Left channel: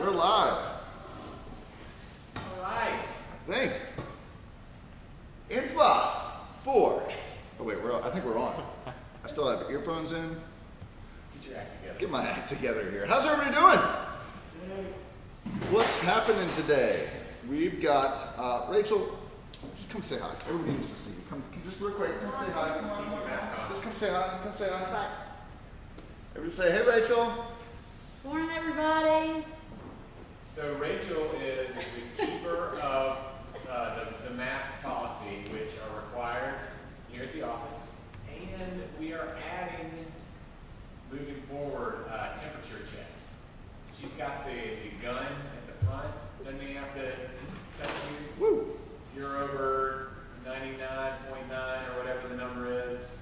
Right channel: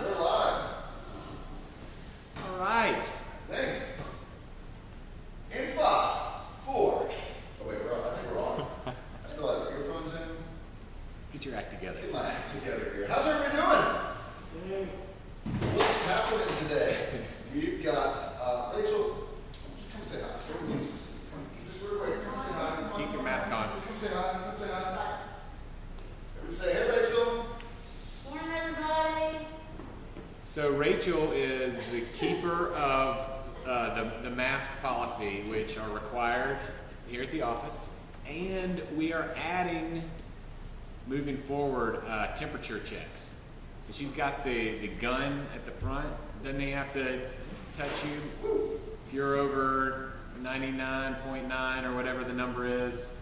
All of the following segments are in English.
We're live. All right. Think. In 5, 4. Oh wait, I think we're on. I still have earphones in. Get your act together. Get my act together here. How's everybody doing? What's happening today? We've got Rachel. Come say hi. Everybody needs to see you. Come, just real quick. Come say hi. Keep your mask on. Just come say hi. Come say hi. Everybody say, hey, Rachel. Morning, everybody. So Rachel is the keeper of the mask policy, which are required here at the office, and we are adding, moving forward, temperature checks. So she's got the gun at the front. Then they have to touch you. Woo. If you're over 99.9 or whatever the number is,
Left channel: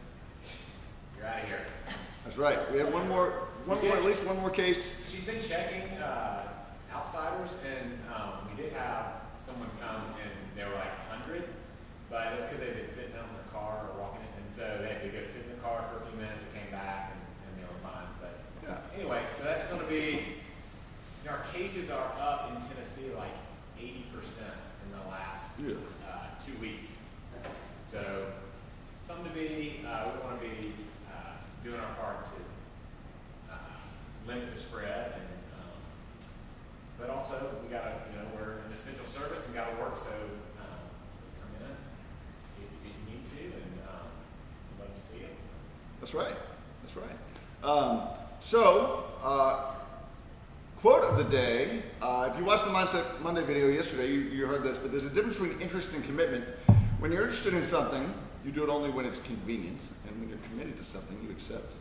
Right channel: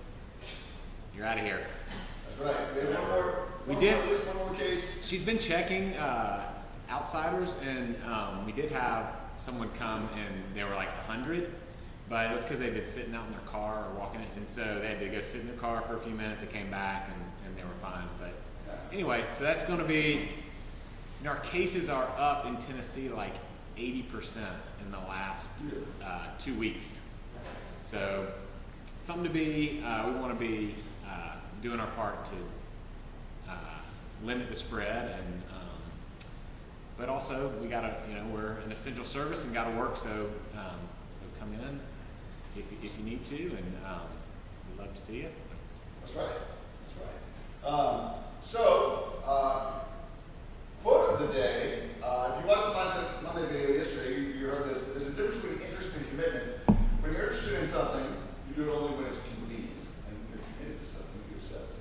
you're out of here. That's right. We have at least one more case. She's been checking outsiders, and we did have someone come and they were like 100, but it was because they'd been sitting out in their car or walking it, and so they had to go sit in the car for a few minutes. They came back and they were fine. But anyway, so that's going to be. Our cases are up in Tennessee like 80% in the last 2 weeks. So something to be. We want to be doing our part to limit the spread, and but also we gotta, we're an essential service and gotta work. So come in if you need to, and we'd love to see it. That's right. That's right. Quote of the day. If you watched the Mindset Monday video yesterday, you heard this. But there's a difference between interest and commitment. When you're interested in something, you do it only when it's convenient, and when you're committed to something, you accept.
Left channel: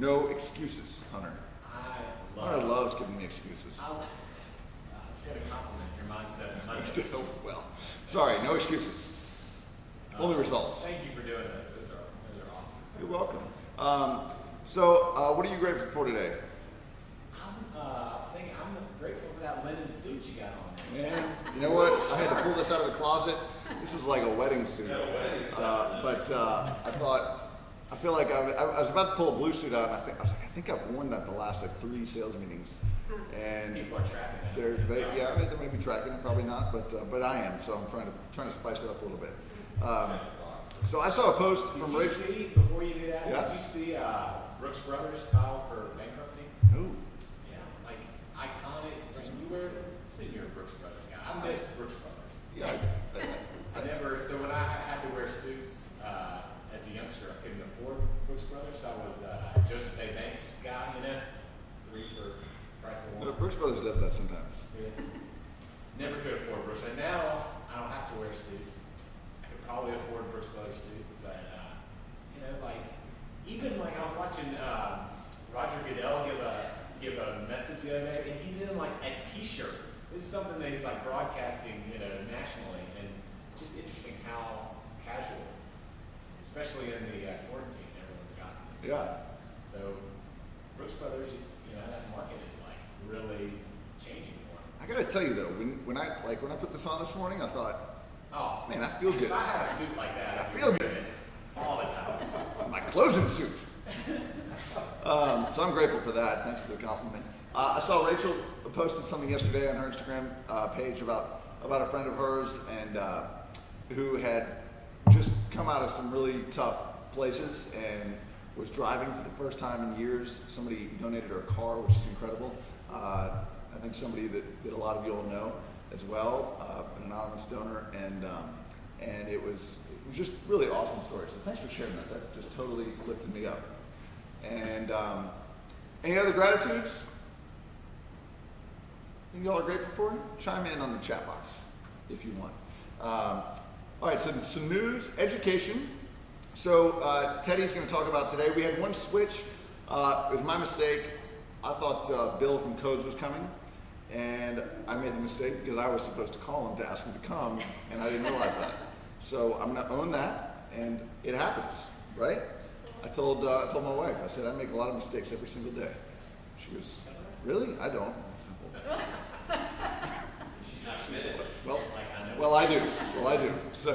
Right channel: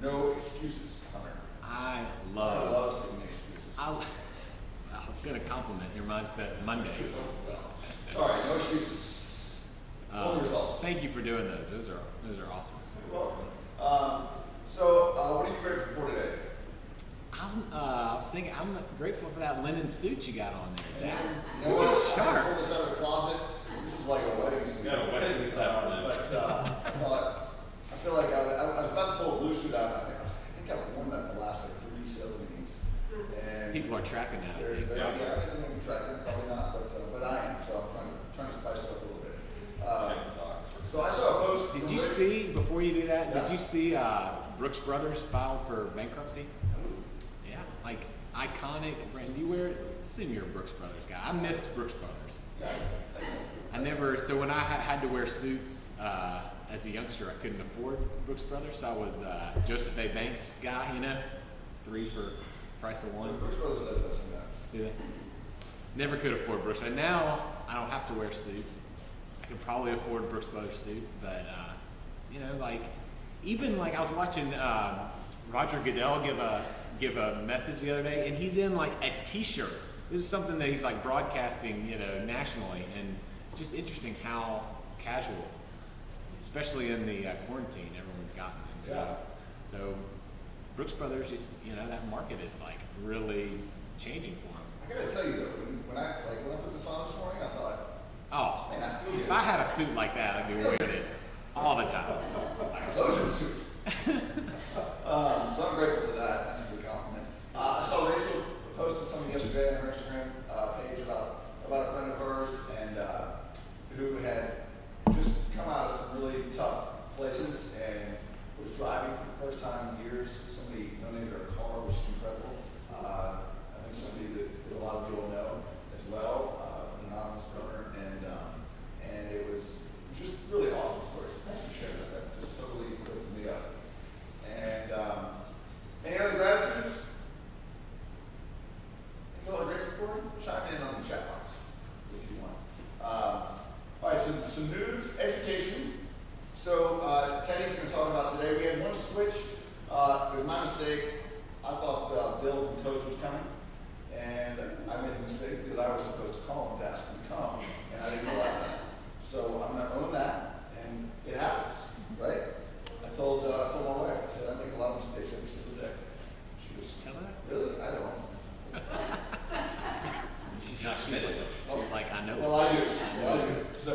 No excuses, Hunter. I Hunter loves giving excuses. I was gonna compliment your Mindset Monday. Well, sorry, no excuses. Only results. Thank you for doing those. Those are awesome. You're welcome. What are you grateful for today? I was thinking, I'm grateful for that linen suit you got on there. Yeah. You know what? I had to pull this out of the closet. This is like a wedding suit. Got a wedding suit. I feel like I was about to pull a blue suit out. I think I've worn that the last 3 sales meetings. And people are tracking that. They may be tracking, probably not, but I am. So I'm trying to spice it up a little bit. So I saw a post from. Did you see, before you do that, Yeah. did you see Brooks Brothers filed for bankruptcy? Ooh. Yeah, like iconic brand. You wear it. Assume you're a Brooks Brothers guy. I missed Brooks Brothers. Yeah. So when I had to wear suits as a youngster, I couldn't afford Brooks Brothers. So I was Joseph A. Banks guy, 3 for price of one. Brooks Brothers does that sometimes. Yeah. Never could afford Brooks, but now I don't have to wear suits. I could probably afford a Brooks Brothers suit, but even like I was watching Roger Goodell give a message the other day, and he's in like a T-shirt. This is something that he's like broadcasting, nationally, and it's just interesting how casual, especially in the quarantine, everyone's gotten. So Brooks Brothers, that market is like really changing for them. I gotta tell you though, when I put this on this morning, I thought, oh man, I feel good. If I had a suit like that, I'd be wearing it all the time. My clothes and suits. So I'm grateful for that. Thank you for the compliment. I saw Rachel posted something yesterday on her Instagram page about a friend of hers and who had just come out of some really tough places and was driving for the first time in years. Somebody donated her a car, which is incredible. I think somebody that a lot of you will know as well, an anonymous donor, and it was just really awesome story. So thanks for sharing that. That just totally lifted me up. And any other gratitudes you all are grateful for? Chime in on the chat box if you want. All right, so some news, education. So Teddy's going to talk about today. We had one switch. It was my mistake. I thought Bill from Codes was coming, and I made the mistake because I was supposed to call him to ask him to come, and I didn't realize that. So I'm going to own that, and it happens, right? I told my wife, I said, I make a lot of mistakes every single day. She goes, really? I don't. She's not committed. She's like, I know. Well, I do. So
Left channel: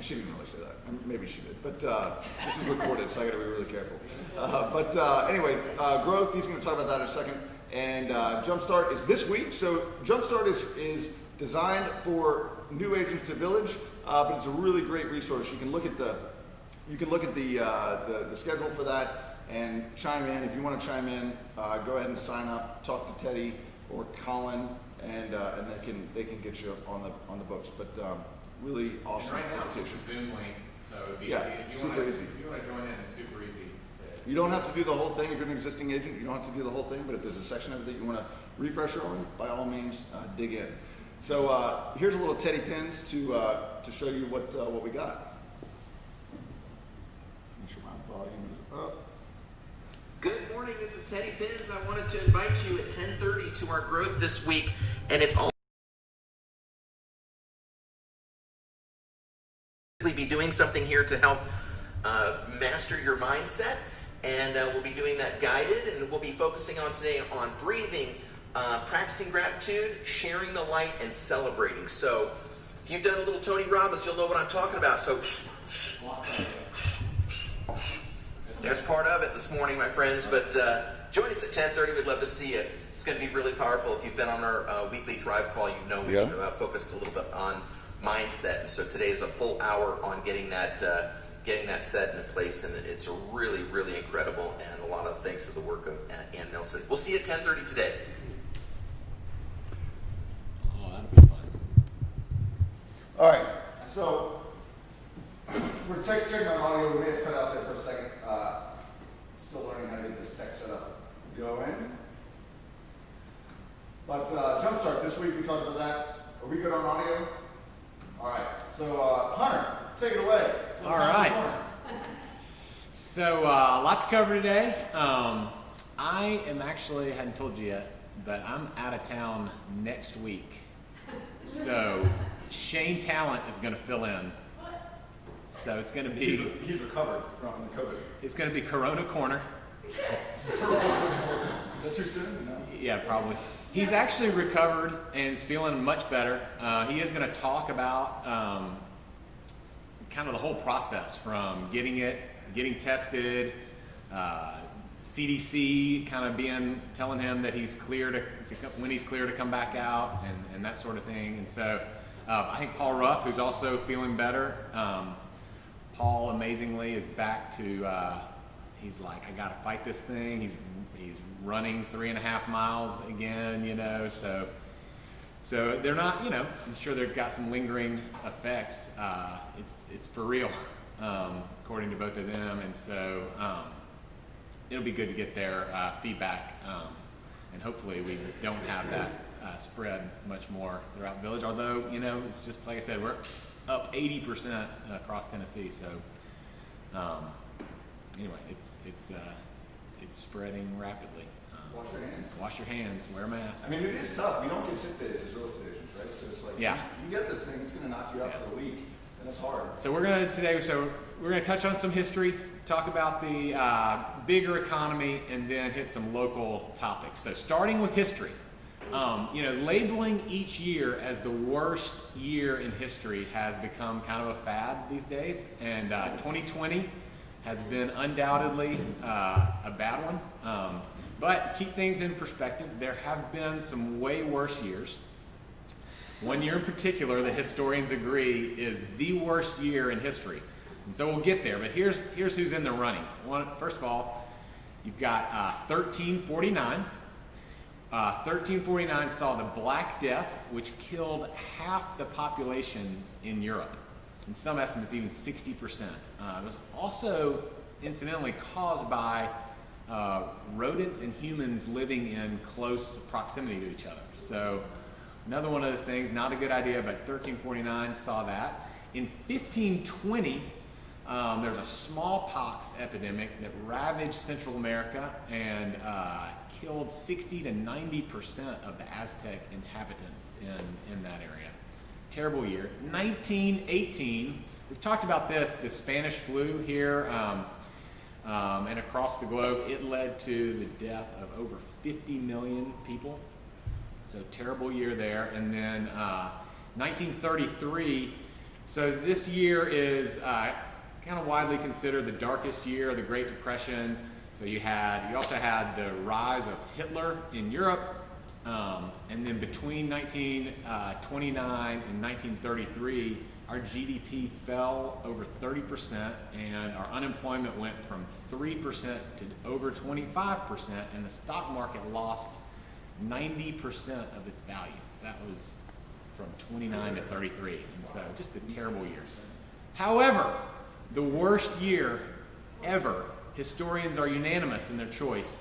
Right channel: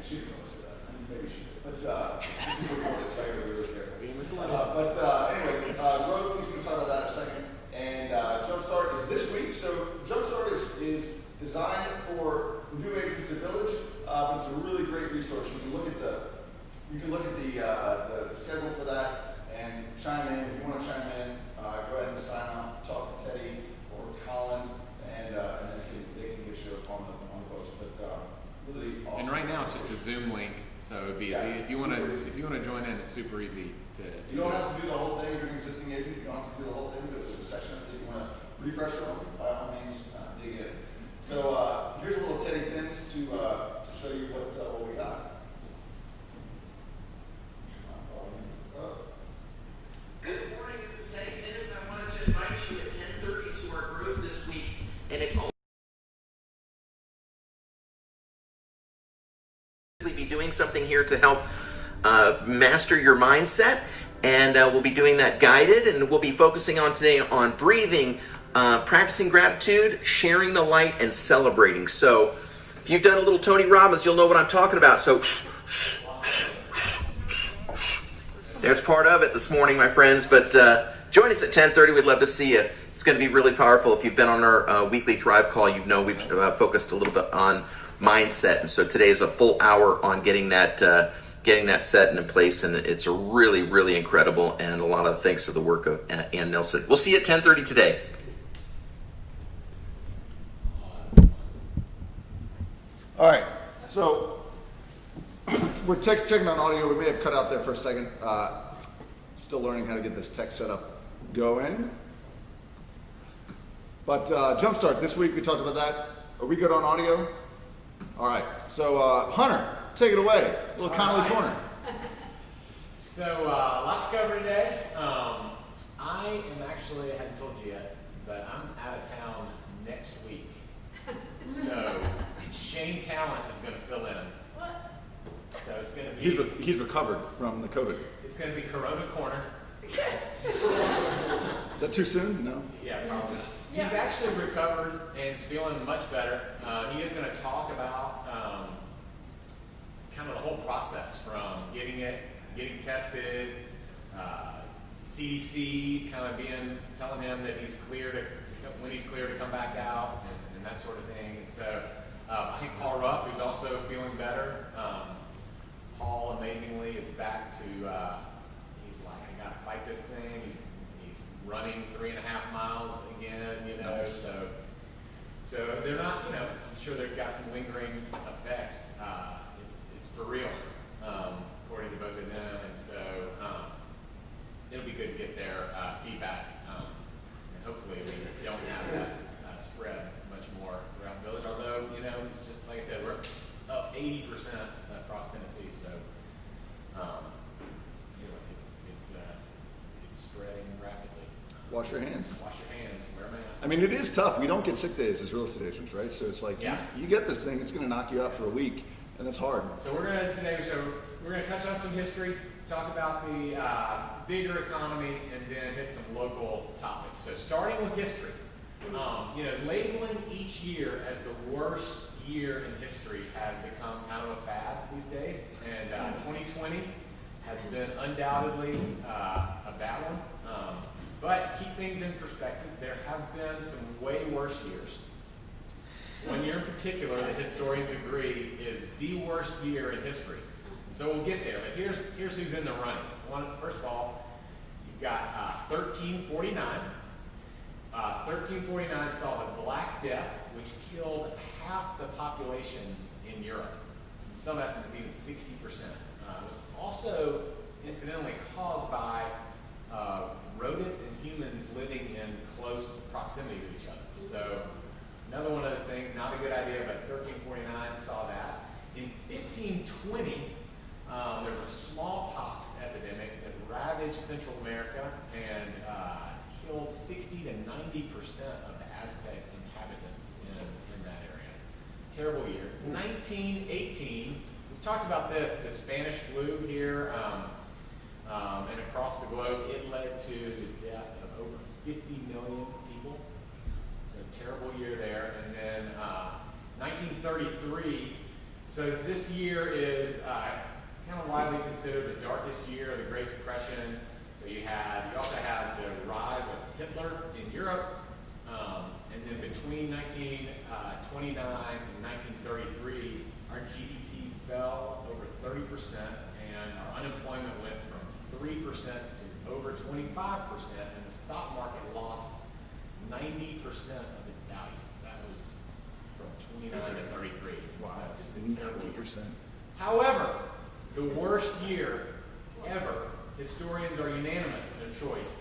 she didn't really say that. Maybe she did. But this is recorded, so I got to be really careful. Anyway, growth, he's going to talk about that in a second. And Jumpstart is starts this week. So Jumpstart is designed for new agents to Village, but it's a really great resource. You can look at the schedule for that and chime in. If you want to chime in, go ahead and sign up. Talk to Teddy or Colin, and they can get you on the books. But really awesome. And right now it's just a Zoom link, so it'd be Yeah, easy. If you want to join in, it's super easy to. You don't have to do the whole thing if you're an existing agent. You don't have to do the whole thing, but if there's a section of it you want to refresh on, by all means, dig in. So here's a little Teddy Pins to show you what we got. Good morning, this is Teddy Pins. I wanted to invite you at 10:30 to our growth this week, and it's all be doing something here to help master your mindset, and we'll be doing that guided, and we'll be focusing on today on breathing, practicing gratitude, sharing the light, and celebrating. So if you've done a little Tony Robbins, you'll know what I'm talking about. So there's part of it this morning, my friends, but join us at 10:30. We'd love to see you. It's going to be really powerful. If you've been on our weekly Thrive call, you know we've focused a little bit on mindset, and so today is a full hour on getting that set into place, and it's really, really incredible, and a lot of thanks to the work of Ann Nelson. We'll see you at 10:30 today. All right, so we're checking on audio. We may have cut out there for a second. Still learning how to get this tech setup going. But Jumpstart, this week we talked about that. Are we good on audio? All right, so Hunter, take it away. A little comment in the corner. So a lot to cover today. I am actually, I hadn't told you yet, but I'm out of town next week. So Shane Talent is going to fill in. So it's going to be... He's recovered from the COVID. It's going to be Corona Corner. Is that too soon? No? Yeah, probably. He's actually recovered and is feeling much better. He is going to talk about kind of the whole process from getting tested, CDC kind of telling him that he's clear when he's clear to come back out and that sort of thing. And so I think Paul Ruff, who's also feeling better, Paul amazingly is back to, he's like, I got to fight this thing. He's running 3.5 miles again, so they're not, I'm sure they've got some lingering effects. It's for real, according to both of them, and so it'll be good to get their feedback, and hopefully we don't have that spread much more throughout the village, although, it's just, like I said, we're up 80% across Tennessee, so anyway, it's spreading rapidly. Wash your hands. Wash your hands. Wear a mask. I mean, it is tough. We don't get sick days as real estate agents, right? So it's like, you get this thing, it's going to knock you out for a week, and that's hard. So we're going to touch on some history, talk about the bigger economy, and then hit some local topics. So starting with history, labeling each year as the worst year in history has become kind of a fad these days, and 2020 has been undoubtedly a bad one. But keep things in perspective. There have been some way worse years. One year in particular, the historians agree, is the worst year in history. And so we'll get there, but here's who's in the running. First of all, you've got 1349. 1349 saw the Black Death, which killed half the population in Europe. In some estimates, even 60%. It was also incidentally caused by rodents and humans living in close proximity to each other. So another one of those things, not a good idea, but 1349 saw that. In 1520, there's a smallpox epidemic that ravaged Central America and killed 60 to 90% of the Aztec inhabitants in that area. Terrible year. 1918, we've talked about the Spanish flu here and across the globe. It led to the death of over 50 million people. So terrible year there. And then 1933, so this year is kind of widely considered the darkest year of the Great Depression. So you also had the rise of Hitler in Europe, And then between 1929 and 1933, our GDP fell over 30%, and our unemployment went from 3% to over 25%, and the stock market lost 90% of its value. So that was from 29 to 33, and so just a terrible year. However, the worst year ever, historians are unanimous in their choice,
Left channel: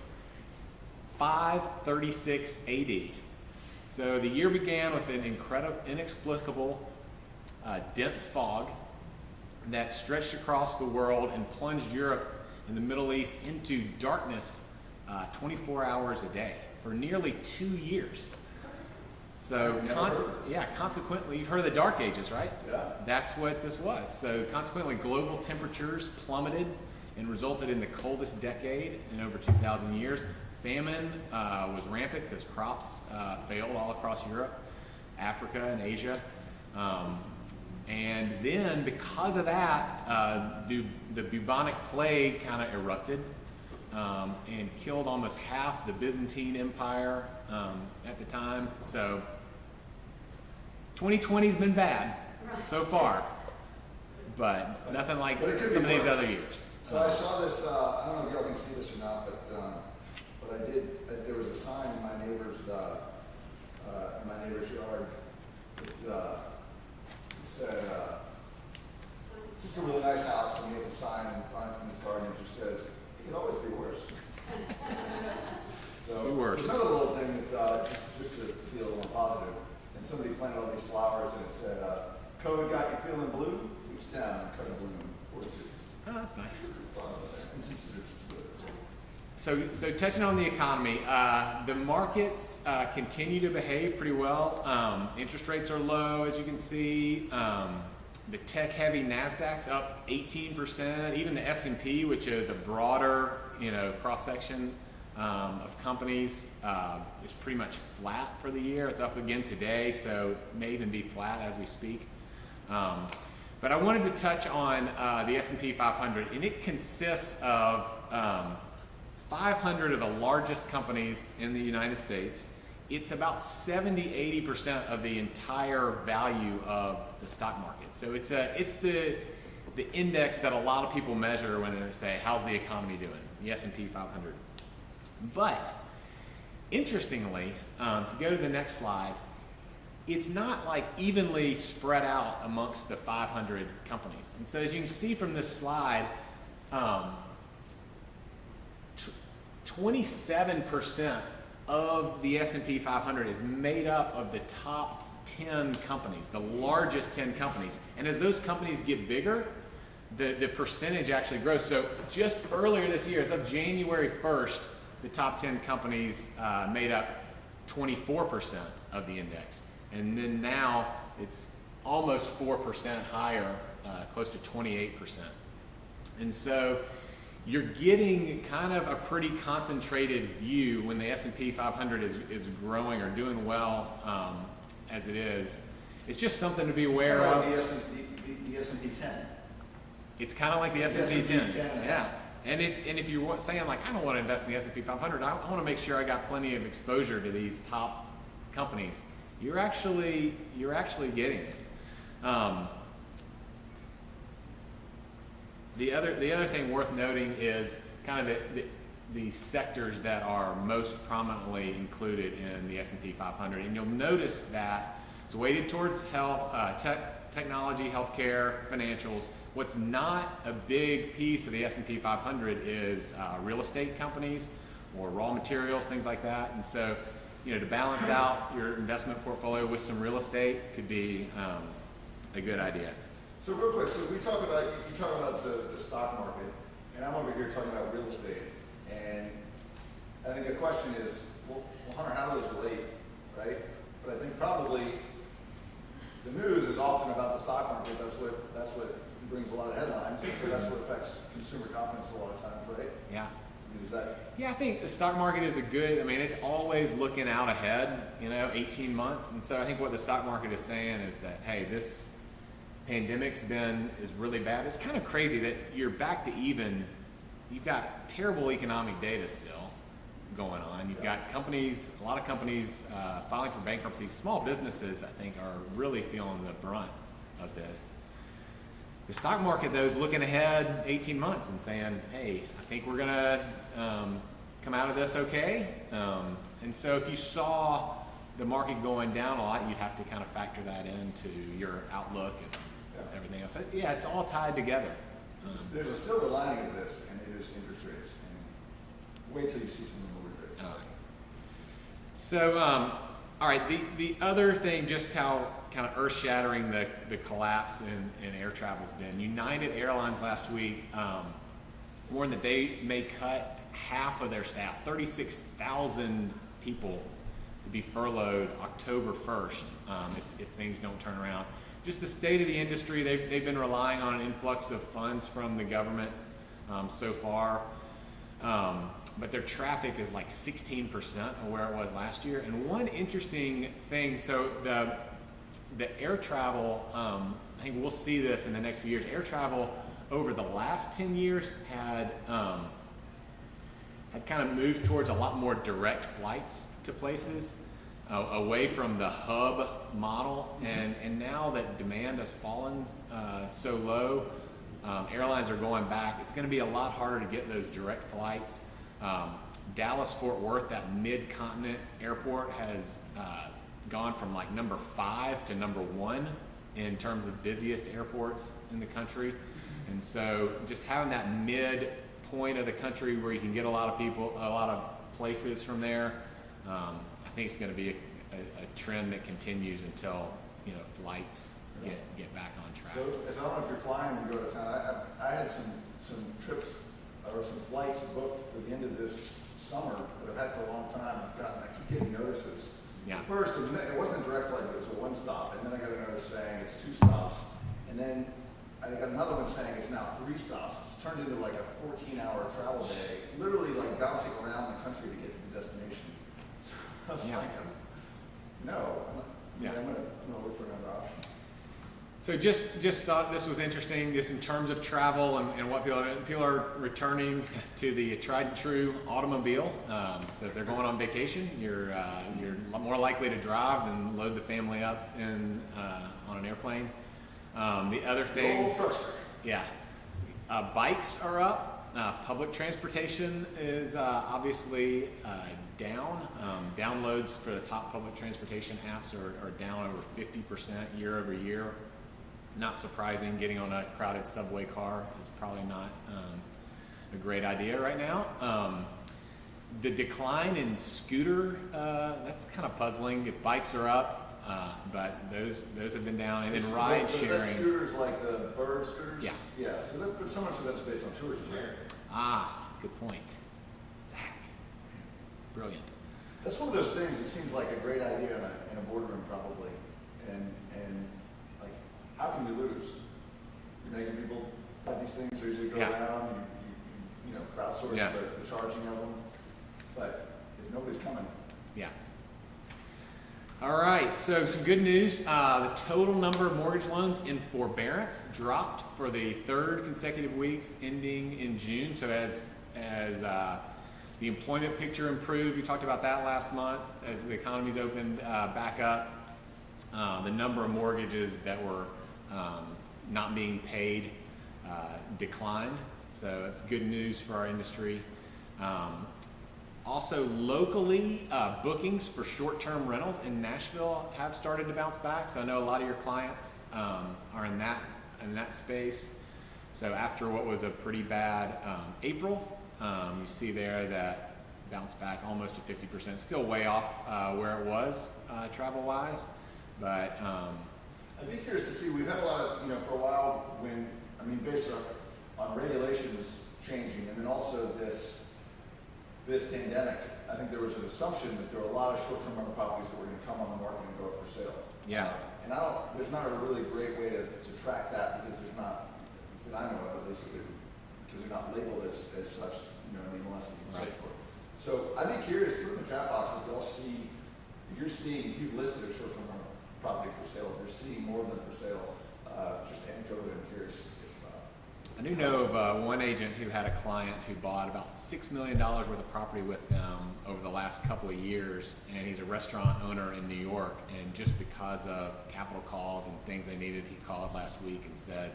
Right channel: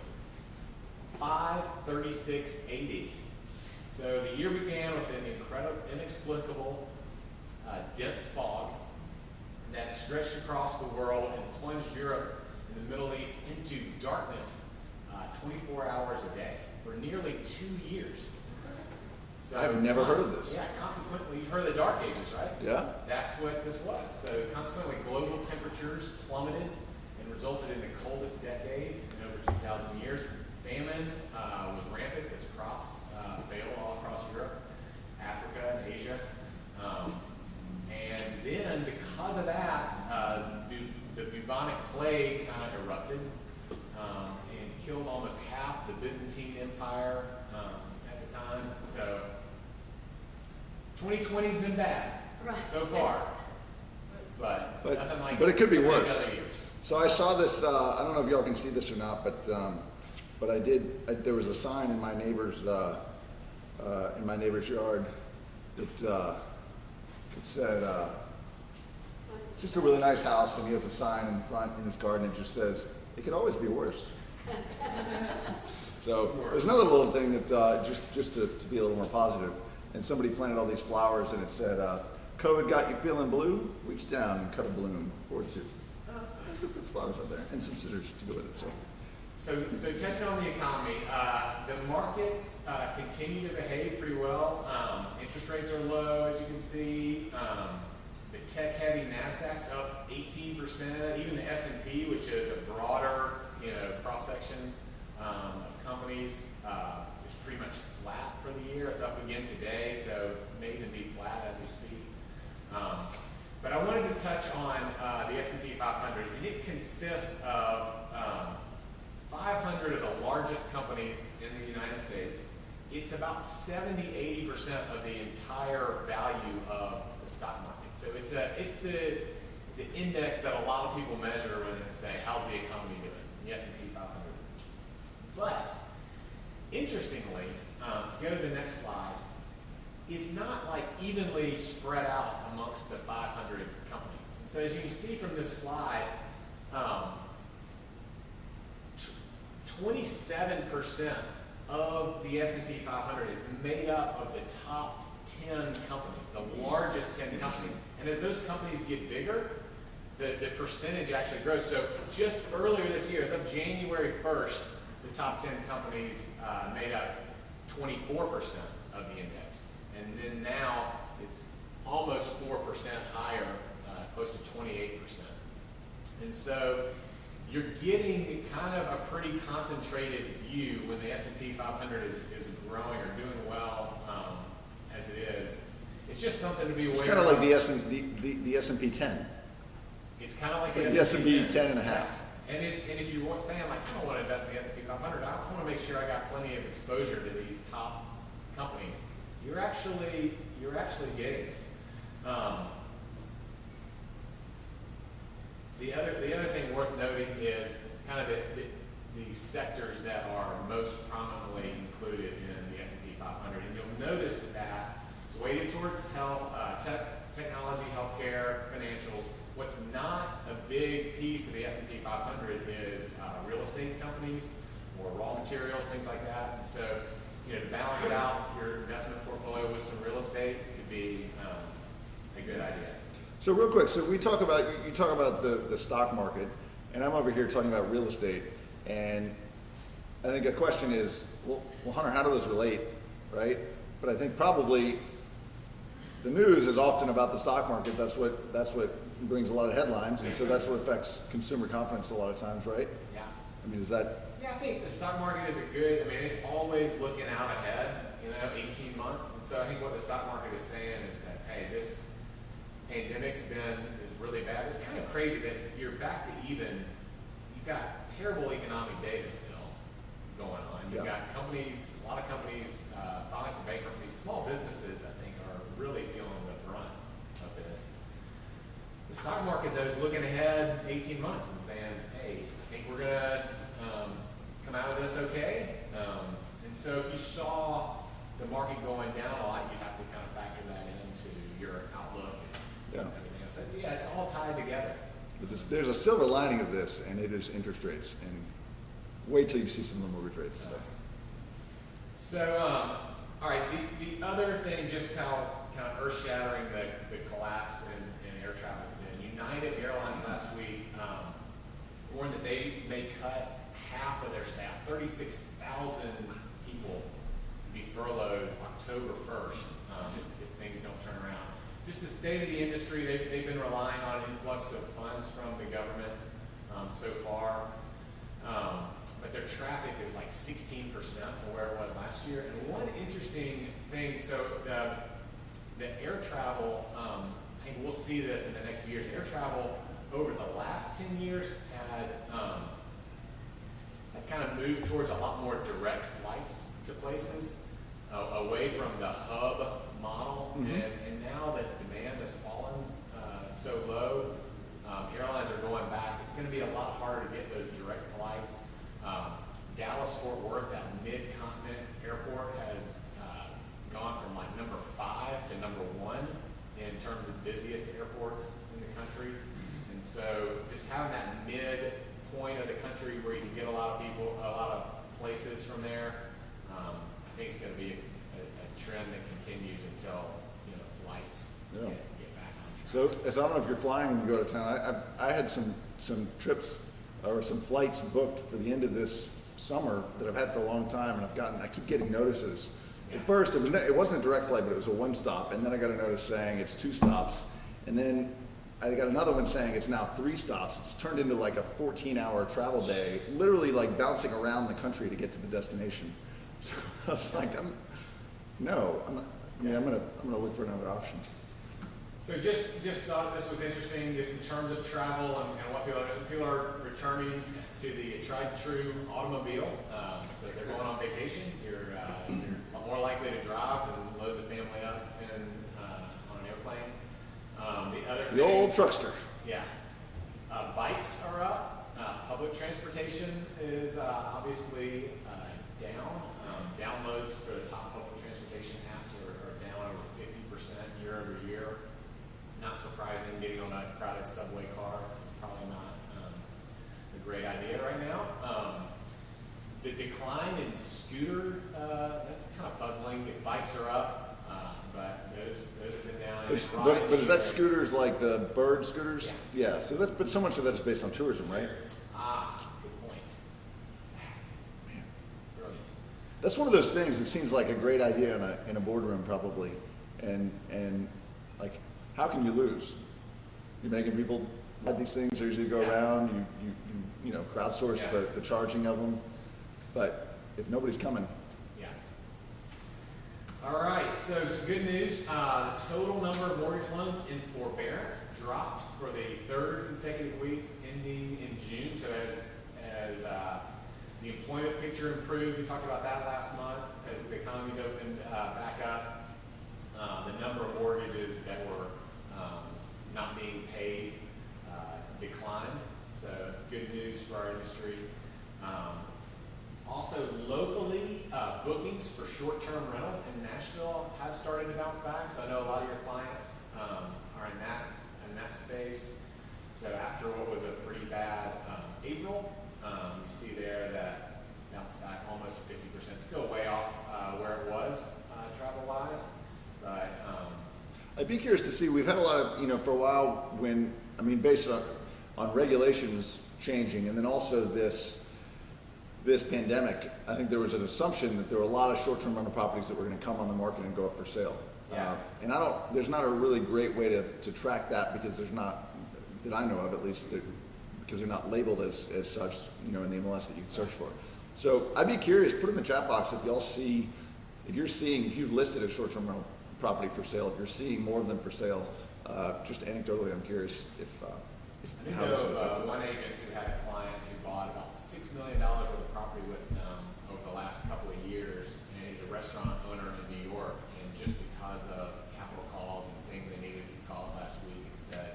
536 AD. So the year began with an inexplicable dense fog that stretched across the world and plunged Europe and the Middle East into darkness 24 hours a day for nearly 2 years. So I've never heard of this. Yeah, consequently, you've heard of the Dark Ages, right? Yeah. That's what this was. So consequently, global temperatures plummeted and resulted in the coldest decade in over 2,000 years. Famine was rampant because crops failed all across Europe, Africa, and Asia. And then, because of that, the bubonic plague kind of erupted and killed almost half the Byzantine Empire at the time. So 2020's been bad so far, but nothing like but it could be some of these worse. other years. So I saw this. I don't know if y'all can see this or not, but I did. There was a sign in my neighbor's yard that it said just a really nice house, and he has a sign in front in his garden. It just says, "It could always be worse." So there's another little thing that just to be a little more positive. And somebody planted all these flowers, and it said, "COVID got you feeling blue? Reach down and cut a bloom or two." Oh, that's nice. Flowers out there, and some scissors to do it. So touching on the economy, the markets continue to behave pretty well. Interest rates are low, as you can see. The tech-heavy Nasdaq's up 18%. Even the S&P, which is a broader, cross-section of companies, is pretty much flat for the year. It's up again today, so it may even be flat as we speak. But I wanted to touch on the S&P 500, and it consists of 500 of the largest companies in the United States. It's about 70-80% of the entire value of the stock market. So it's the index that a lot of people measure when they say, how's the economy doing? The S&P 500. But interestingly, to go to the next slide, it's not like evenly spread out amongst the 500 companies. And so as you can see from this slide, 27% of the S&P 500 is made up of the top 10 companies, the largest 10 companies. And as those companies get bigger, the percentage actually grows. So just earlier this year, as of January 1st, the top 10 companies made up 24% of the index. And then now it's almost 4% higher, close to 28%. And so you're getting kind of a pretty concentrated view when the S&P 500 is growing or doing well as it is. It's just something to be aware of. It's kind of like the S&P 10. It's kind of like the S&P 10. 10 and a half. And if you're saying like, I don't want to invest in the S&P 500, I want to make sure I got plenty of exposure to these top companies, you're actually getting it. The other thing worth noting is kind of the sectors that are most prominently included in the S&P 500, and you'll notice that it's weighted towards health, technology, healthcare, financials. What's not a big piece of the S&P 500 is real estate companies or raw materials, things like that. And so, to balance out your investment portfolio with some real estate could be a good idea. So real quick, so you talk about the stock market, and I'm over here talking about real estate. And I think a question is, well, Hunter, how do those relate, right? But I think probably the news is often about the stock market. That's what brings a lot of headlines, and so that's what affects consumer confidence a lot of times, right? Yeah. I mean, is that? Yeah, I think the stock market is it's always looking out ahead, 18 months. And so I think what the stock market is saying is that, hey, this pandemic's is really bad. It's kind of crazy that you're back to even. You've got terrible economic data still going on. You've Yeah. got companies, a lot of companies filing for bankruptcy. Small businesses, I think, are really feeling the brunt of this. The stock market, though, is looking ahead 18 months and saying, hey, I think we're going to come out of this okay. And so if you saw the market going down a lot, you'd have to kind of factor that into your outlook and everything else. Yeah, it's all tied together. There's a silver lining of this, and it is interest rates. And wait till you see some of the mortgage rates. So, all right, the other thing, just how kind of earth-shattering the collapse in air travel's been. United Airlines last week warned that they may cut half of their staff, 36,000 people, to be furloughed October 1st if things don't turn around. Just the state of the industry, they've been relying on an influx of funds from the government so far. But their traffic is like 16% of where it was last year. And one interesting thing, so the air travel, I think we'll see this in the next few years. Air travel over the last 10 years had kind of moved towards a lot more direct flights to places, away from the hub model. And now that demand has fallen so low, airlines are going back. It's going to be a lot harder to get those direct flights. Dallas Fort Worth, that mid-continent airport, has gone from like number 5 to number 1 in terms of busiest airports in the country. And so just having that mid point of the country where you can get a lot of people, a lot of places from there, I think it's going to be a trend that continues until flights get back on track. So, I don't know if you're flying when you go to town. I had some trips or some flights booked for the end of this summer that I've had for a long time, and I keep getting notices. Yeah. At first, it wasn't a direct flight, but it was a 1 stop, and then I got a notice saying it's 2 stops, and then I got another one saying it's now 3 stops. It's turned into like a 14-hour travel day, literally like bouncing around the country to get to the destination. So I was like, I'm not. Yeah, I'm gonna look for another option. So just thought this was interesting, just in terms of travel and what people are returning to the tried and true automobile. So if they're going on vacation, you're more likely to drive than load the family up on an airplane. The other thing, The old truckster. Yeah, bikes are up. Public transportation is obviously down. Downloads for the top public transportation apps are down over 50% year over year. Not surprising, getting on a crowded subway car is probably not a great idea right now. The decline in scooter, that's kind of puzzling. If bikes are up, but those have been down. And then ride But is that sharing. scooters like the bird scooters? Yeah. Yeah. So but so much of that is based on tourism, right? Good point. Zach. Brilliant. That's one of those things that seems like a great idea in a boardroom, probably, and like, how can you lose? You're making people have these things as you go around. You crowdsource the charging of them, but if nobody's coming, Yeah. All right, so some good news. The total number of mortgage loans in forbearance dropped for the 3rd consecutive weeks ending in June. So as the employment picture improved, we talked about that last month, as the economy's opened back up, the number of mortgages that were not being paid declined. So that's good news for our industry. Also locally, bookings for short-term rentals in Nashville have started to bounce back. So I know a lot of your clients are in that space. So after what was a pretty bad April, you see there that bounce back almost to 50%. Still way off where it was travel-wise, but I'd be curious to see. We've had a lot of for a while based on regulations changing, and then also this pandemic, I think there was an assumption that there were a lot of short-term rental properties that were going to come on the market and go up for sale. Yeah. And there's not a really great way to track that, because there's not, that I know of at least, because they're not labeled as such, in the MLS that you can search for. So I'd be curious, put in the chat box if y'all see, if you've listed a short-term rental property for sale, if you're seeing more of them for sale, just anecdotally, I'm curious if I do know of one agent who had a client who bought about $6 million worth of property with them over the last couple of years, and he's a restaurant owner in New York, and just because of capital calls and things they needed, he called last week and said,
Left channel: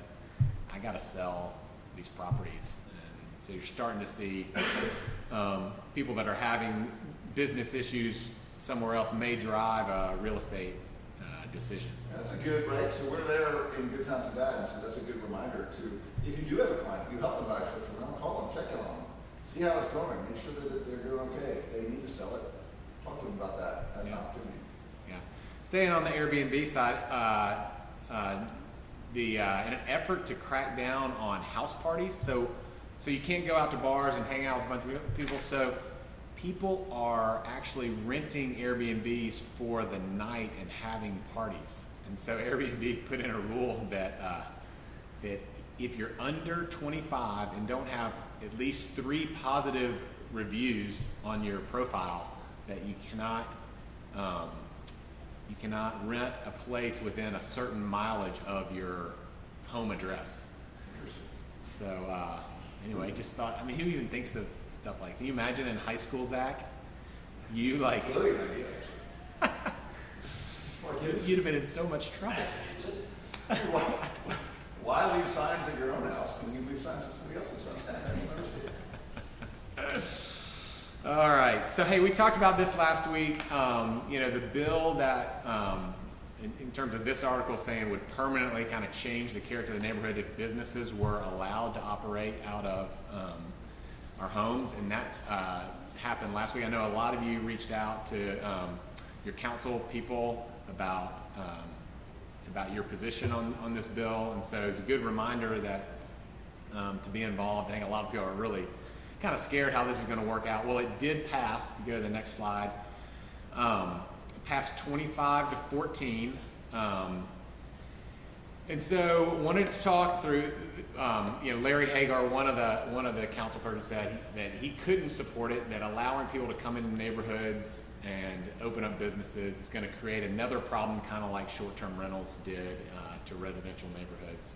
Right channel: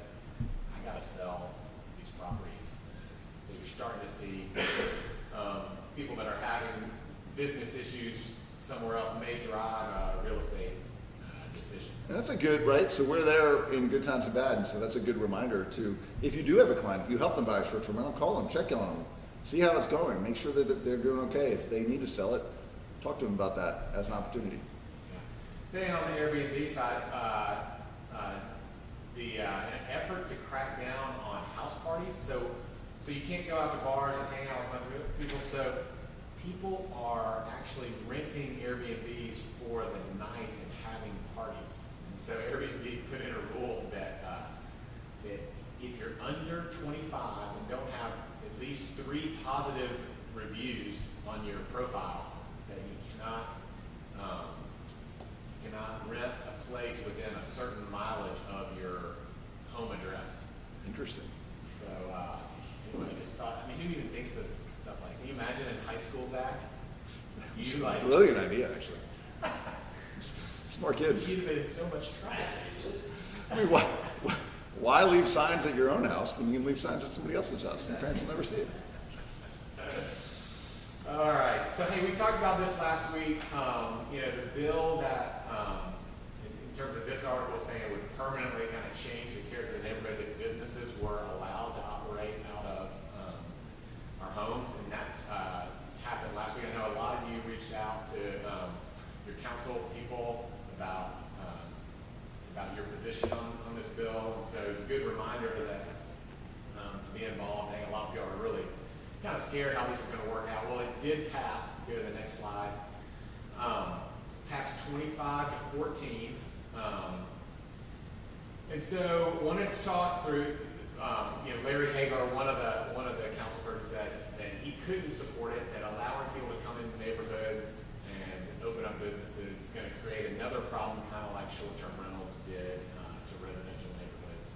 I got to sell these properties. And so you're starting to see people that are having business issues somewhere else may drive a real estate decision. And that's a good, right? So we're there in good times and bad, and so that's a good reminder to, if you do have a client, if you help them buy a short-term rental, call them, check in on them, see how it's going, make sure that they're doing okay. If they need to sell it, talk to them about that as an opportunity. Yeah. Staying on the Airbnb side, in an effort to crack down on house parties, so you can't go out to bars and hang out with a bunch of people, so people are actually renting Airbnbs for the night and having parties. And so Airbnb put in a rule that that if you're under 25 and don't have at least 3 positive reviews on your profile, that you cannot rent a place within a certain mileage of your home address. Interesting. So anyway, just thought, I mean, who even thinks of stuff like, can you imagine in high school, Zach? You like, Brilliant idea, actually. Smart kids. you'd have been in so much trouble. I mean, why leave signs at your own house when you can leave signs at somebody else's house? Your parents will never see it. All right. So, hey, we talked about this last week. The bill that, in terms of this article, saying would permanently kind of change the character of the neighborhood if businesses were allowed to operate out of our homes, and that happened last week. I know a lot of you reached out to your council people about your position on this bill, and so it's a good reminder that to be involved. I think a lot of people are really kind of scared how this is going to work out. Well, it did pass. Go to the next slide. Passed 25-14, and so wanted to talk through. Larry Hagar, one of the council persons, said that he couldn't support it. That allowing people to come into neighborhoods and open up businesses is going to create another problem, kind of like short-term rentals did to residential neighborhoods.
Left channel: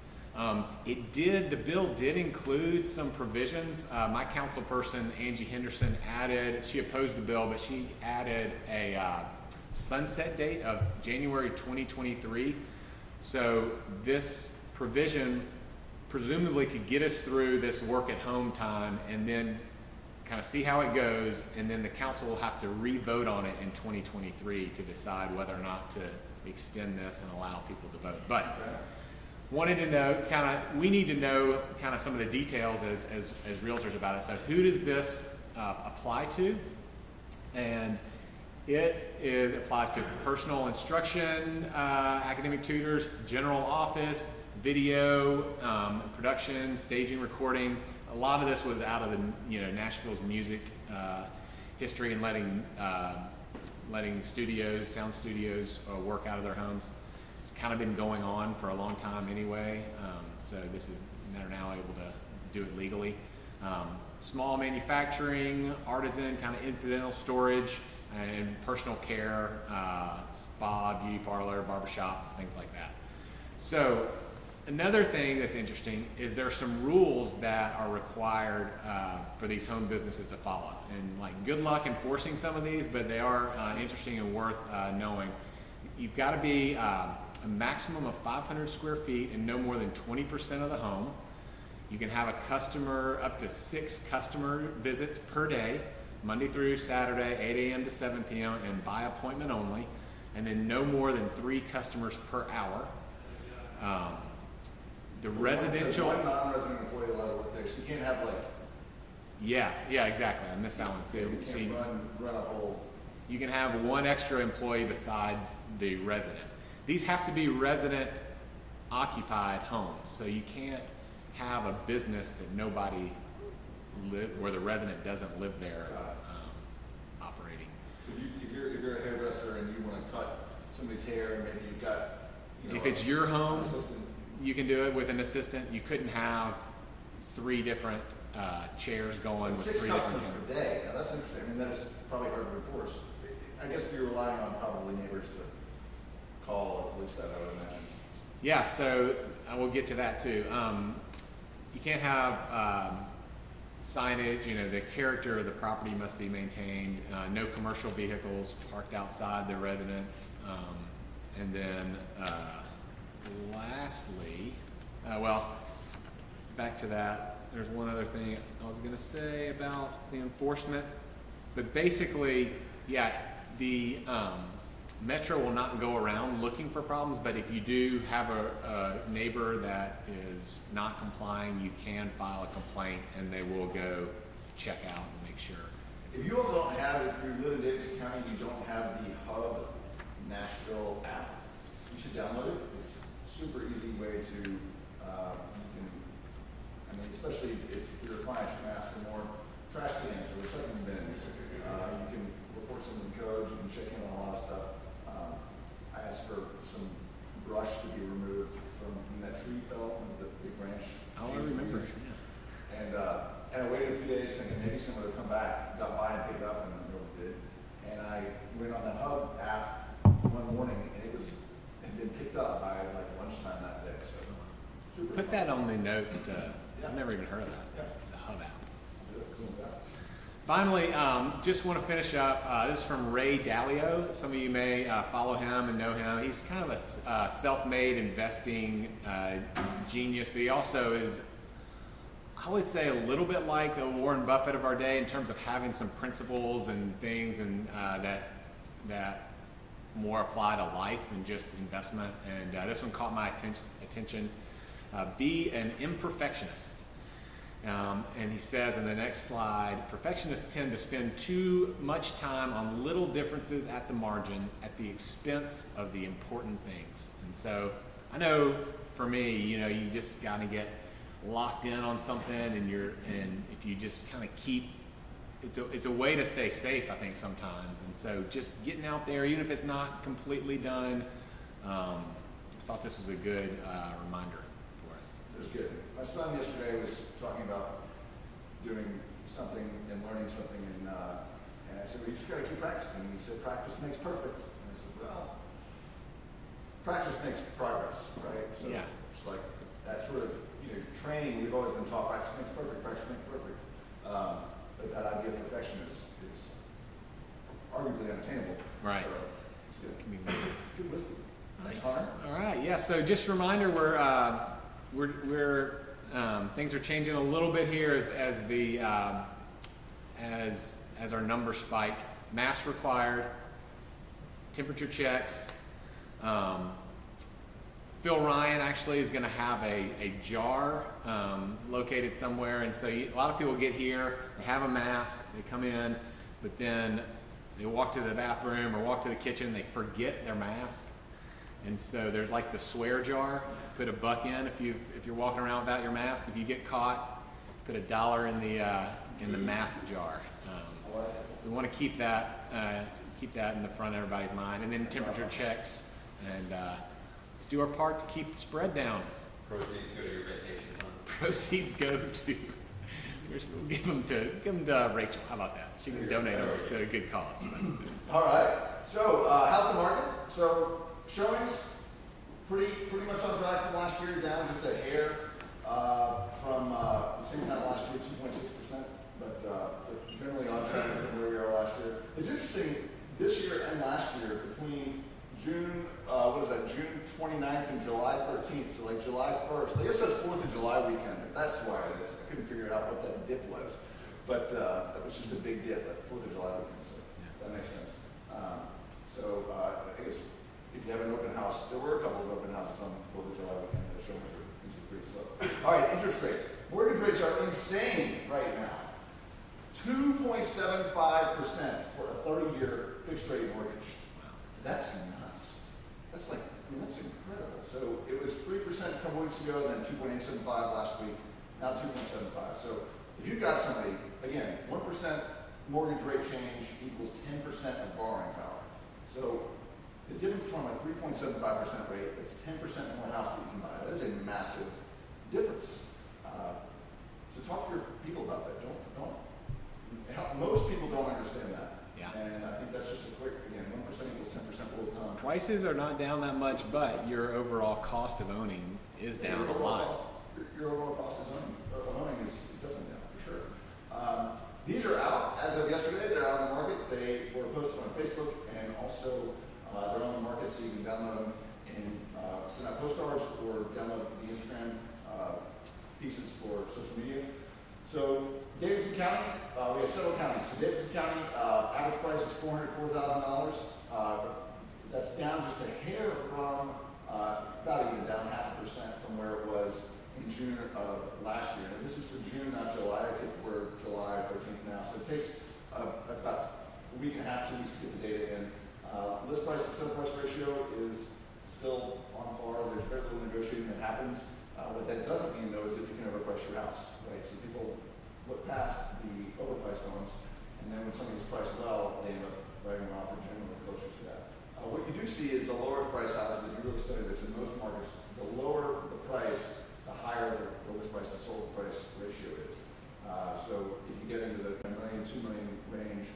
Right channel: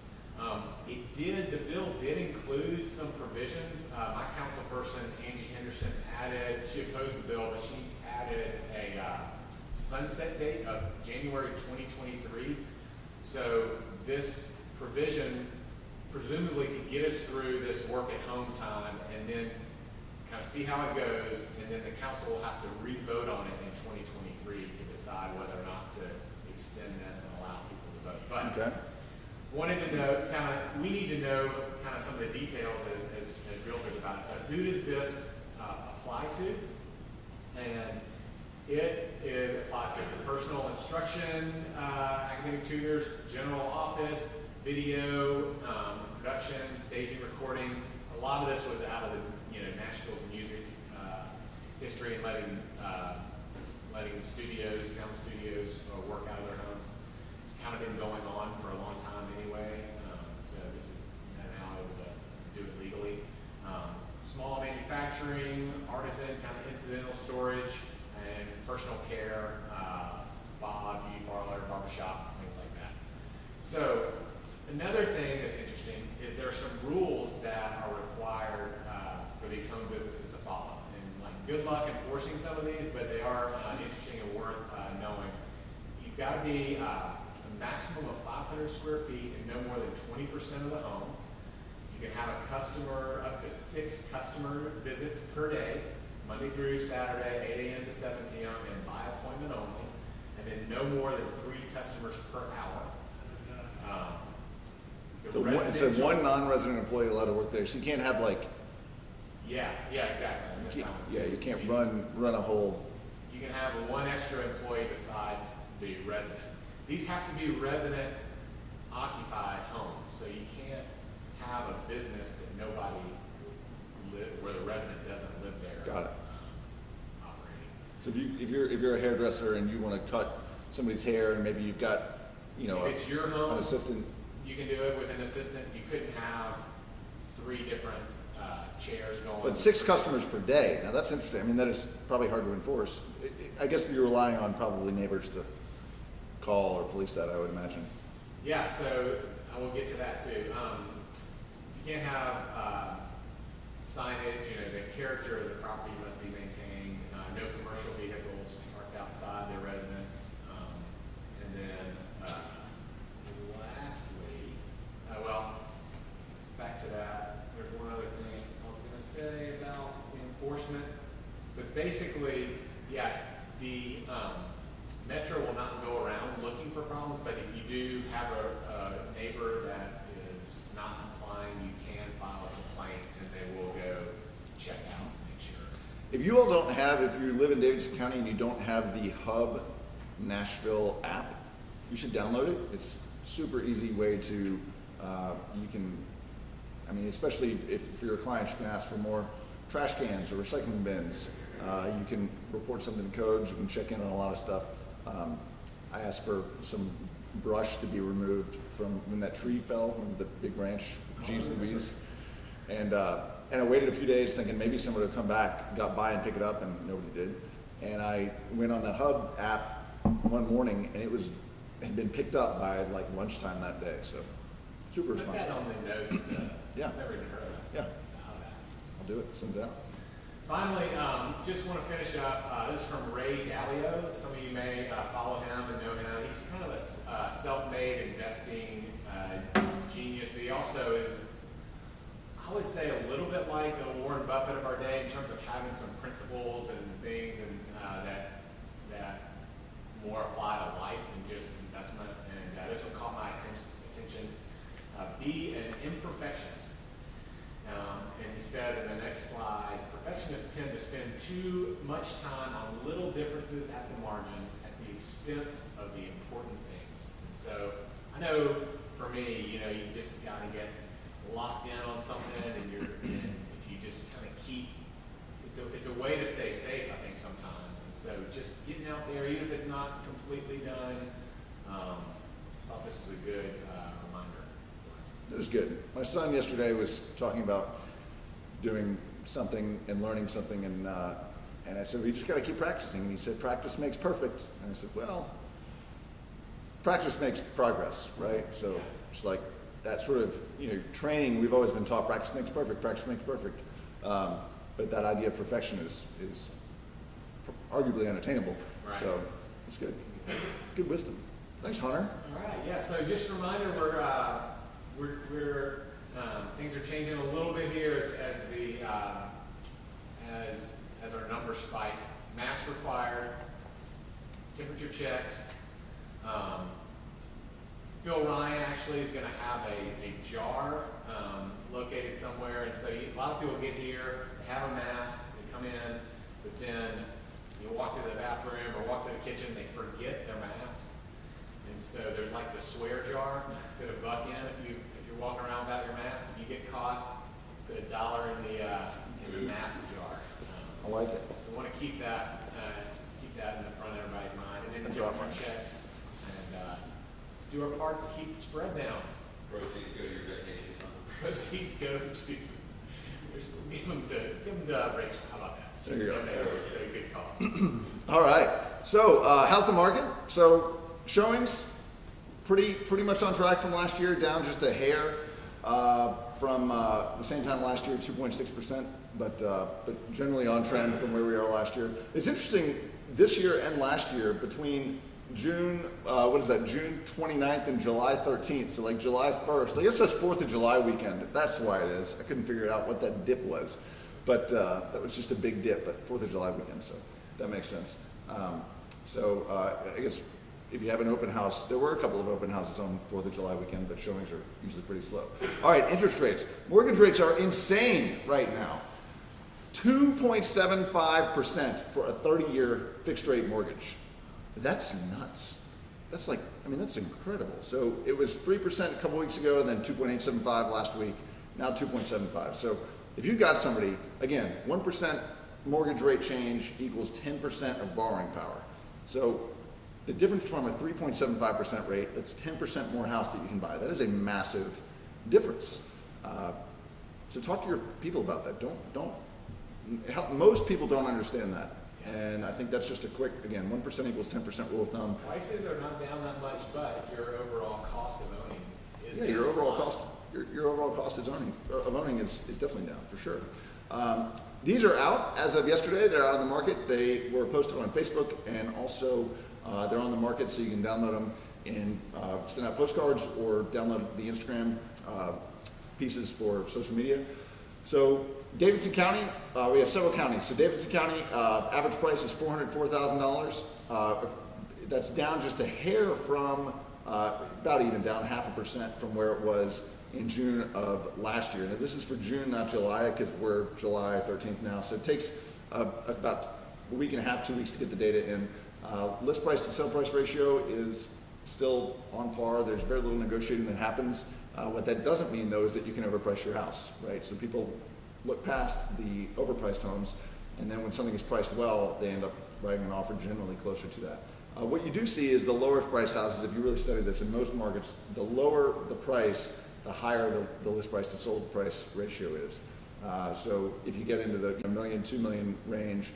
The bill did include some provisions. My council person, Angie Henderson, she opposed the bill, but she added a sunset date of January 2023. So this provision presumably could get us through this work at home time and then kind of see how it goes, and then the council will have to re-vote on it in 2023 to decide whether or not to extend this and allow people to vote. But wanted to know, we need to know kind of some of the details as realtors about it. So who does this apply to? And it applies to personal instruction, academic tutors, general office, video, production, staging, recording. A lot of this was out of the Nashville's music history and letting sound studios work out of their homes. It's kind of been going on for a long time anyway, so they're now able to do it legally. Small manufacturing, artisan, kind of incidental storage, and personal care, spa, beauty parlor, barbershops, things like that. So another thing that's interesting is there are some rules that are required for these home businesses to follow. And good luck enforcing some of these, but they are interesting and worth knowing. You've got to be a maximum of 500 square feet and no more than 20% of the home. You can have a customer, up to 6 customer visits per day, Monday through Saturday, 8 a.m. to 7 p.m. and by appointment only, and then no more than 3 customers per hour. So one non-resident employee allowed to work there, so you can't have Yeah, exactly. I missed that one too. Yeah, you can't run a whole. You can have one extra employee besides the resident. These have to be resident occupied homes, so you can't have a business that nobody where the resident doesn't live there. Got it. Operating. So if you're a hairdresser and you want to cut somebody's hair, and maybe you've got if it's your home, an assistant, you can do it with an assistant. You couldn't have 3 different chairs going. But 6 customers per day. Now that's interesting. I mean, that is probably hard to enforce. I guess you're relying on probably neighbors to call or police that, I would imagine. Yeah, so I will get to that too. You you can't have signage. You know, the character of the property must be maintained. No commercial vehicles parked outside their residence. And then lastly, well, back to that. There's one other thing I was going to say about the enforcement, but basically, yeah, the Metro will not go around looking for problems, but if you do have a neighbor that is not complying, you can file a complaint and they will go check out and make sure. If you all don't have, if you live in Davidson County and you don't have the Hub Nashville app, you should download it. It's a super easy way to, you can, I mean, especially if for your clients, you can ask for more trash cans or recycling bins. You can report something in codes, you can check in on a lot of stuff. I asked for some brush to be removed from when that tree fell, when the big branch, and I waited a few days thinking maybe someone would come back, got by and pick it up, and nobody did. And I went on that Hub app one morning, and it had been picked up by like lunchtime that day. So super. Put that on the notes to. Yeah. I've never even heard of that. Yeah. The Hub app. I'll do it. Send it out. Finally, just want to finish up. This is from Ray Dalio. Some of you may follow him and know him. He's kind of a self-made investing genius, but he also is, I would say, a little bit like the Warren Buffett of our day in terms of having some principles and things and that more apply to life than just investment. And this one caught my attention. Be an imperfectionist. And he says in the next slide, perfectionists tend to spend too much time on little differences at the margin at the expense of the important things. And so I know for me, you know, you just got to get locked in on something, and if you just kind of keep, it's a way to stay safe, I think, sometimes. And so just getting out there, even if it's not completely done, I thought this was a good reminder. It was good. My son yesterday was talking about doing something and learning something, and I said, we just got to keep practicing. And he said, practice makes perfect. And I said, well, practice makes progress, right? So yeah. It's like that sort of, you know, training. We've always been taught practice makes perfect. Practice makes perfect. But that idea of perfection is arguably unattainable. Right. So it's good. Good wisdom. Thanks, Hunter. All right. Yeah. So just a reminder, we're things are changing a little bit here as the as our numbers spike. Mask required, temperature checks. Phil Ryan actually is going to have a jar located somewhere, and so a lot of people get here, they have a mask, they come in, but then they walk to the bathroom or walk to the kitchen, they forget their mask. And so there's like the swear jar. Put $1 in if you're walking around without your mask. If you get caught, put $1 in the mask jar. I like it. We want to keep that in the front of everybody's mind. And then temperature checks, and let's do our part to keep the spread down. Proceeds go to your vacation. Proceeds go to. We'll give them to Rachel. How about that? She can donate it to a good cause. All right. So how's the market? So showings, pretty much on track from last year, down just a hair from the same time last year, 2.6%, but generally on trend from where we are last year. It's interesting, this year and last year, between June, June 29th and July 13th, so like July 1st, I guess that's 4th of July weekend, that's why it is. I couldn't figure out what that dip was, but that was just a big dip, but 4th of July weekend, so that makes sense. I guess if you have an open house, there were a couple of open houses on 4th of July weekend, but showings are usually pretty slow. All right, interest rates. Mortgage rates are insane right now. 2.75% for a 30-year fixed rate mortgage. That's nuts. That's that's incredible. So it was 3% a couple weeks ago, and then 2.875 last week, now 2.75. So if you've got somebody, again, 1% mortgage rate change equals 10% of borrowing power. So the difference between a 3.75% rate, that's 10% more house that you can buy. That is a massive difference. So talk to your people about that. Most people don't understand that. Yeah. And I think that's just a quick, again, 1% equals 10% rule of thumb. Prices are not down that much, but your overall cost of owning is down your a overall lot. cost. your overall cost of owning is definitely down for sure. These are out as of yesterday. They're out on the market. They were posted on Facebook, and also they're on the market, so you can download them and send out postcards or download the Instagram pieces for social media. So Davidson County, we have several counties. So Davidson County, average price is $404,000. That's down just a hair from, about even down 0.5% from where it was in June of last year. Now this is for June, not July, because we're July 13th now. So it takes about a week and a half, 2 weeks to get the data in. List price to sell price ratio is still on par. There's very little negotiating that happens. What that doesn't mean, though, is that you can overprice your house, right? So people look past the overpriced homes, and then when something is priced well, they end up writing an offer generally closer to that. What you do see is the lower priced houses, if you really study this, in most markets, the lower the price, the higher the list price to sold price ratio is. So if you get into the $1 million, $2 million range,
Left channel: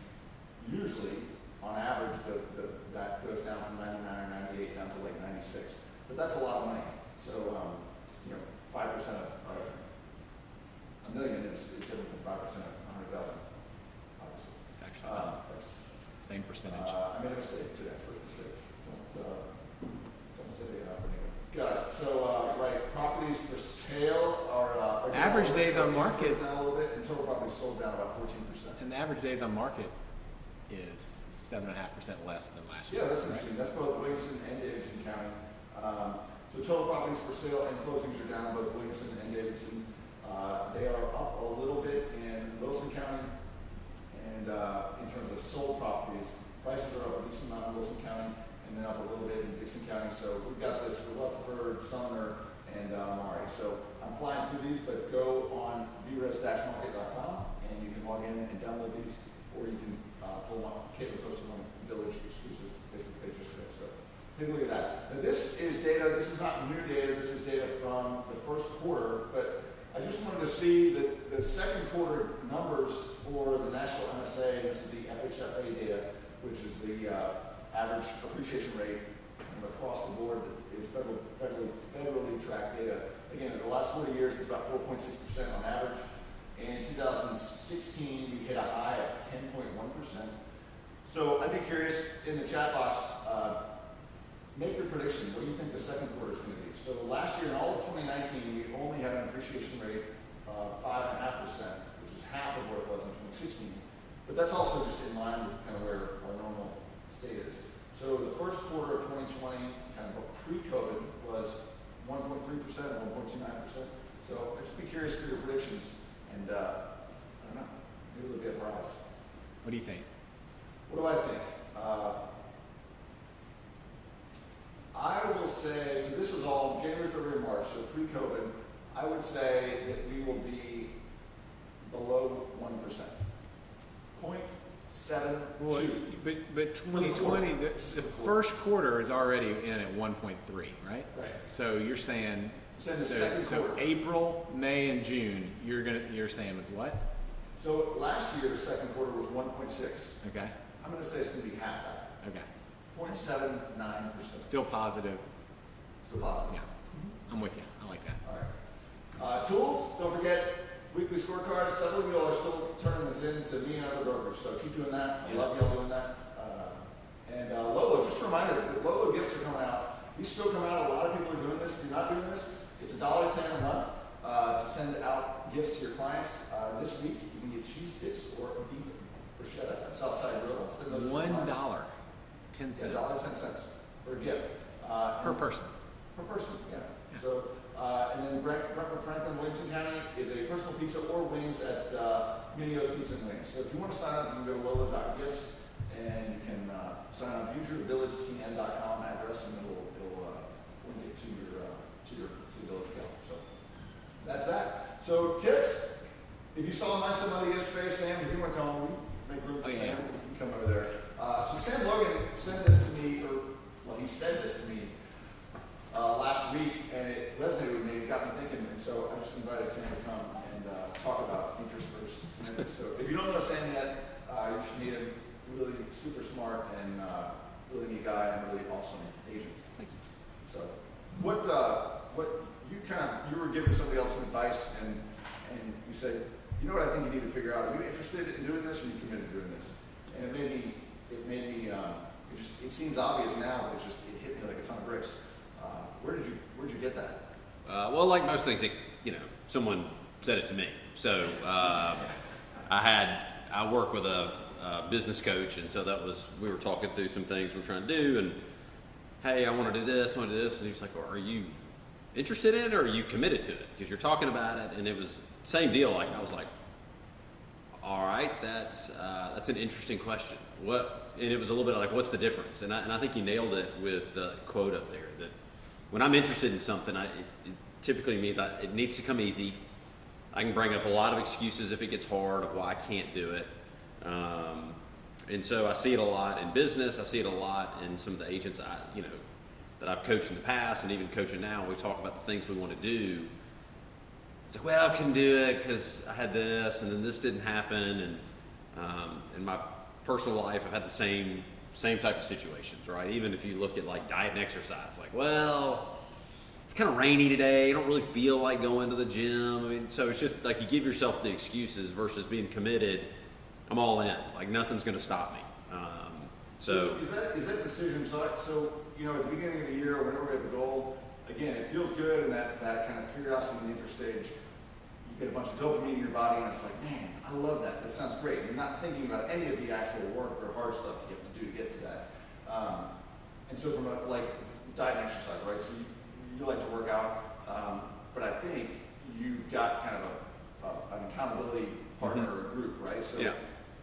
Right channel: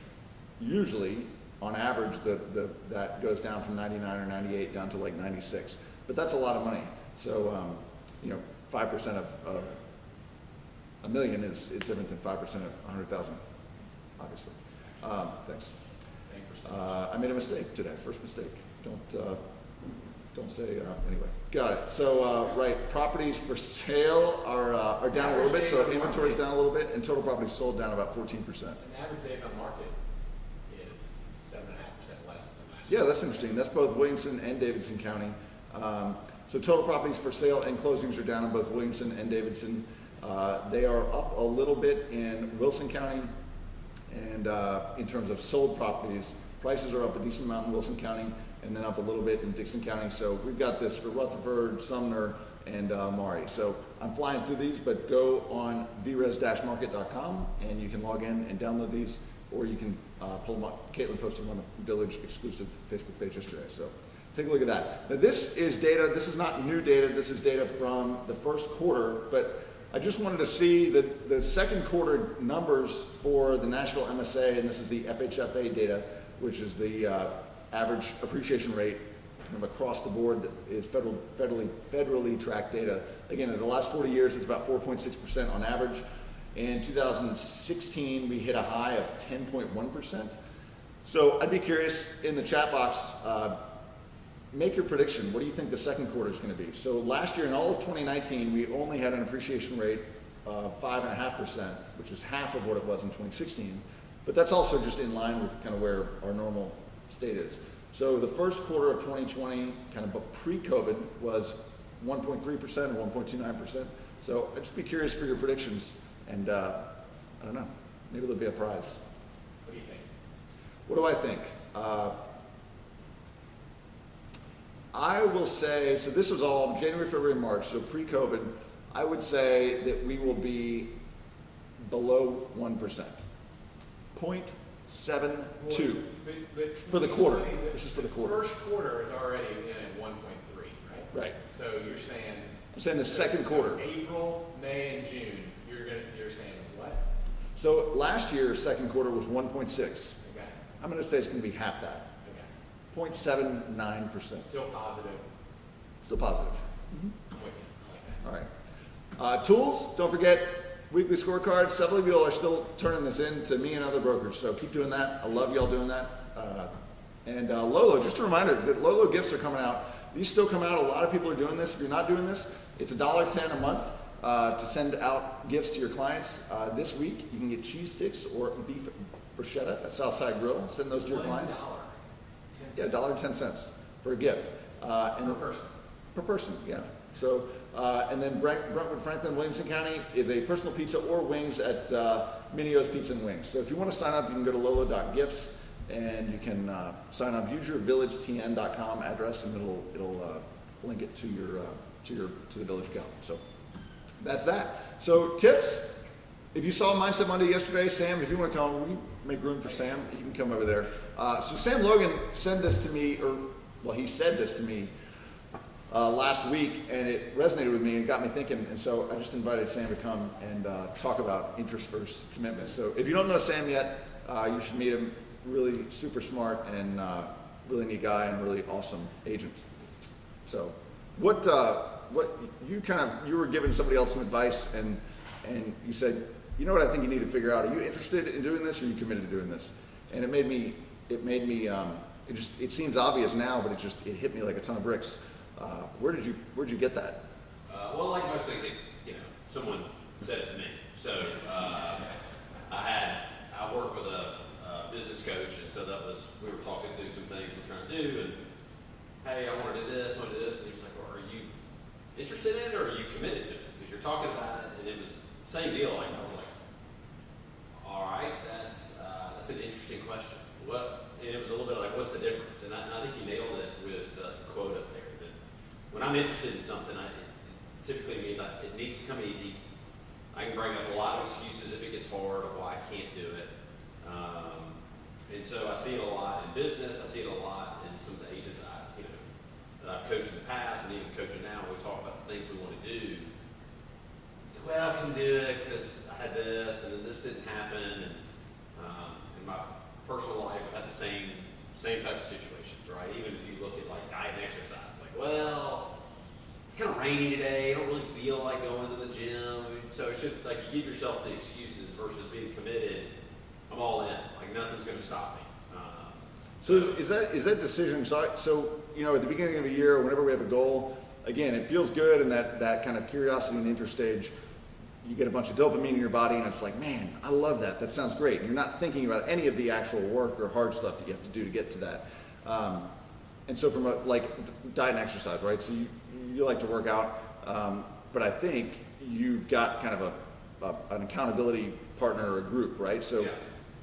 usually, on average, that goes down from 99 or 98 down to like 96. But that's a lot of money. So, 5% of $1 million is different than 5% of 100,000, obviously. It's actually Thanks. same percentage. I made a mistake today. First mistake. Don't say anyway. Got it. So right, properties for sale are down Average a little bit. days So on inventory is market. down a little bit, and total properties sold down about 14%. And the average days on market is 7.5% less than last year. Yeah, that's interesting. That's both Williamson and Davidson County. So total properties for sale and closings are down in both Williamson and Davidson. They are up a little bit in Wilson County, and in terms of sold properties, prices are up a decent amount in Wilson County, and then up a little bit in Dixon County. So we've got this for Rutherford, Sumner, and Maury. So I'm flying through these, but go on vres-market.com and you can log in and download these, or you can pull them up. Caitlin posted on the Village exclusive Facebook page yesterday. So take a look at that. Now this is data. This is not new data. This is data from the first quarter, but I just wanted to see the second quarter numbers for the Nashville MSA, and this is the FHFA data, which is the average appreciation rate kind of across the board that is federally tracked data. Again, in the last 40 years, it's about 4.6% on average. In 2016, we hit a high of 10.1%. So I'd be curious in the chat box, make your prediction. What do you think the second quarter is going to be? So last year, in all of 2019, we only had an appreciation rate of 5.5%, which is half of what it was in 2016. But that's also just in line with kind of where our normal state is. So the first quarter of 2020, kind of pre-COVID, was 1.3% or 1.29%. So I'd just be curious for your predictions, and I don't know, maybe there'll be a prize. What do you think? What do I think? I will say, so this was all January, February, March, so pre-COVID, I would say that we will be below 1%. 0.72. But For the quarter. 2020, This is for the quarter. first quarter is already in at 1.3, right? Right. So you're saying I'm saying the so- second so quarter. April, May, and June. You're saying it's what? So last year's second quarter was 1.6. Okay. I'm going to say it's going to be half that. Okay. 0.79%. Still positive. Still positive. I'm with you. I like that. All right. Tools, don't forget, weekly scorecard. Several of you all are still turning this in to me and other brokers, so keep doing that. I love y'all doing that. And Lolo, just a reminder that Lolo gifts are coming out. These still come out. A lot of people are doing this. If you're not doing this, it's $1.10 a month to send out gifts to your clients. This week, you can get cheese sticks or beef bruschetta at Southside Grill. Send those to your clients. $1.10. Yeah, $1.10 for a gift. Per person. Per person, yeah. So, and then Brentwood, Franklin, Williamson County is a personal pizza or wings at Minio's Pizza and Wings. So if you want to sign up, you can go to lolo.gifts and you can sign up. Use your villagetn.com address and it'll link it to the Village account. So that's that. So tips. If you saw Mindset Monday yesterday, Sam, if you want to come, we make room for Sam. You can come over there. So Sam Logan sent this to me, he said this to me last week, and it resonated with me and got me thinking. And so I just invited Sam to come and talk about interest first commitment. So if you don't know Sam yet, you should meet him. Really super smart and really neat guy and really awesome agent. So What you were giving somebody else some advice, and you said, you know what I think you need to figure out. Are you interested in doing this, or are you committed to doing this? And it made me. It seems obvious now, but it hit me like a ton of bricks. Where'd you get that? Well, like most things, someone said it to me. So I work with a business coach, and so we were talking through some things we're trying to do, and hey, I want to do this, and he was like, well, are you interested in it, or are you committed to it? Because you're talking about it, and it was the same deal. Like, I was like, all right, that's an interesting question. And it was a little bit like, what's the difference? And I think you nailed it with the quote up there, that when I'm interested in something, it typically means it needs to come easy. I can bring up a lot of excuses if it gets hard of why I can't do it. And so I see it a lot in business. I see it a lot in some of the agents that I've coached in the past, and even coaching now. We talk about the things we want to do. It's like, well, I can do it because I had this, and then this didn't happen. And in my personal life, I've had the same type of situations, right? Even if you look at like diet and exercise, like, well, it's kind of rainy today. I don't really feel like going to the gym. I mean, so it's just like you give yourself the excuses versus being committed. I'm all in. Like, nothing's going to stop me. So is that decision? So at the beginning of the year, whenever we have a goal, again, it feels good, and that kind of curiosity and interest stage, you get a bunch of dopamine in your body, and it's like, man, I love that. That sounds great. And you're not thinking about any of the actual work or hard stuff that you have to do to get to that. And so from like diet and exercise, right? So you like to work out, but I think you've got kind of an accountability partner or a group, right? So. Yeah.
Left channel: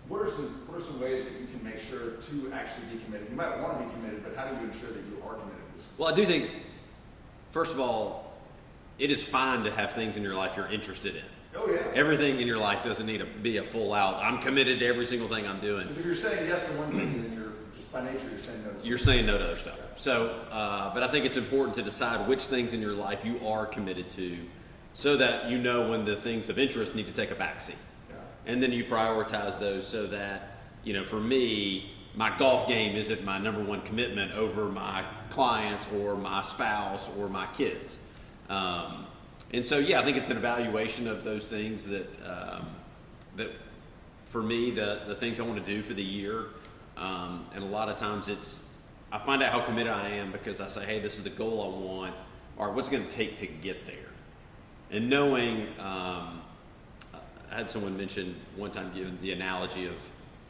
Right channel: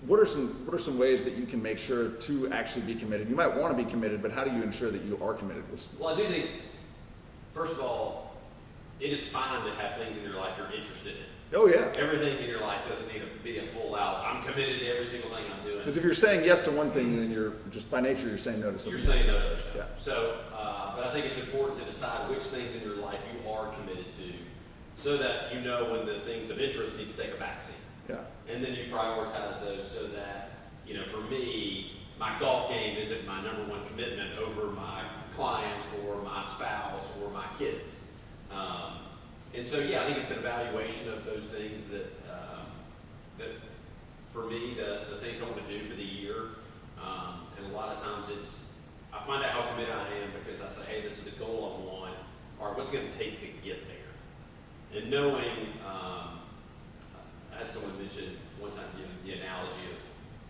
What are some ways that you can make sure to actually be committed? You might want to be committed, but how do you ensure that you are committed? Well, I do think, first of all, it is fine to have things in your life you're interested in. Oh yeah. Everything in your life doesn't need to be a full out, I'm committed to every single thing I'm doing. Because if you're saying yes to one thing, then you're just by nature, you're saying no to something. You're saying no to other stuff. Yeah. So, but I think it's important to decide which things in your life you are committed to, so that you know when the things of interest need to take a backseat. Yeah. And then you prioritize those so that, for me, my golf game isn't my number one commitment over my clients or my spouse or my kids. And so, I think it's an evaluation of those things that for me, the things I want to do for the year. And a lot of times I find out how committed I am because I say, hey, this is the goal I want, or what's it going to take to get there. And knowing, I had someone mention one time, giving the analogy of,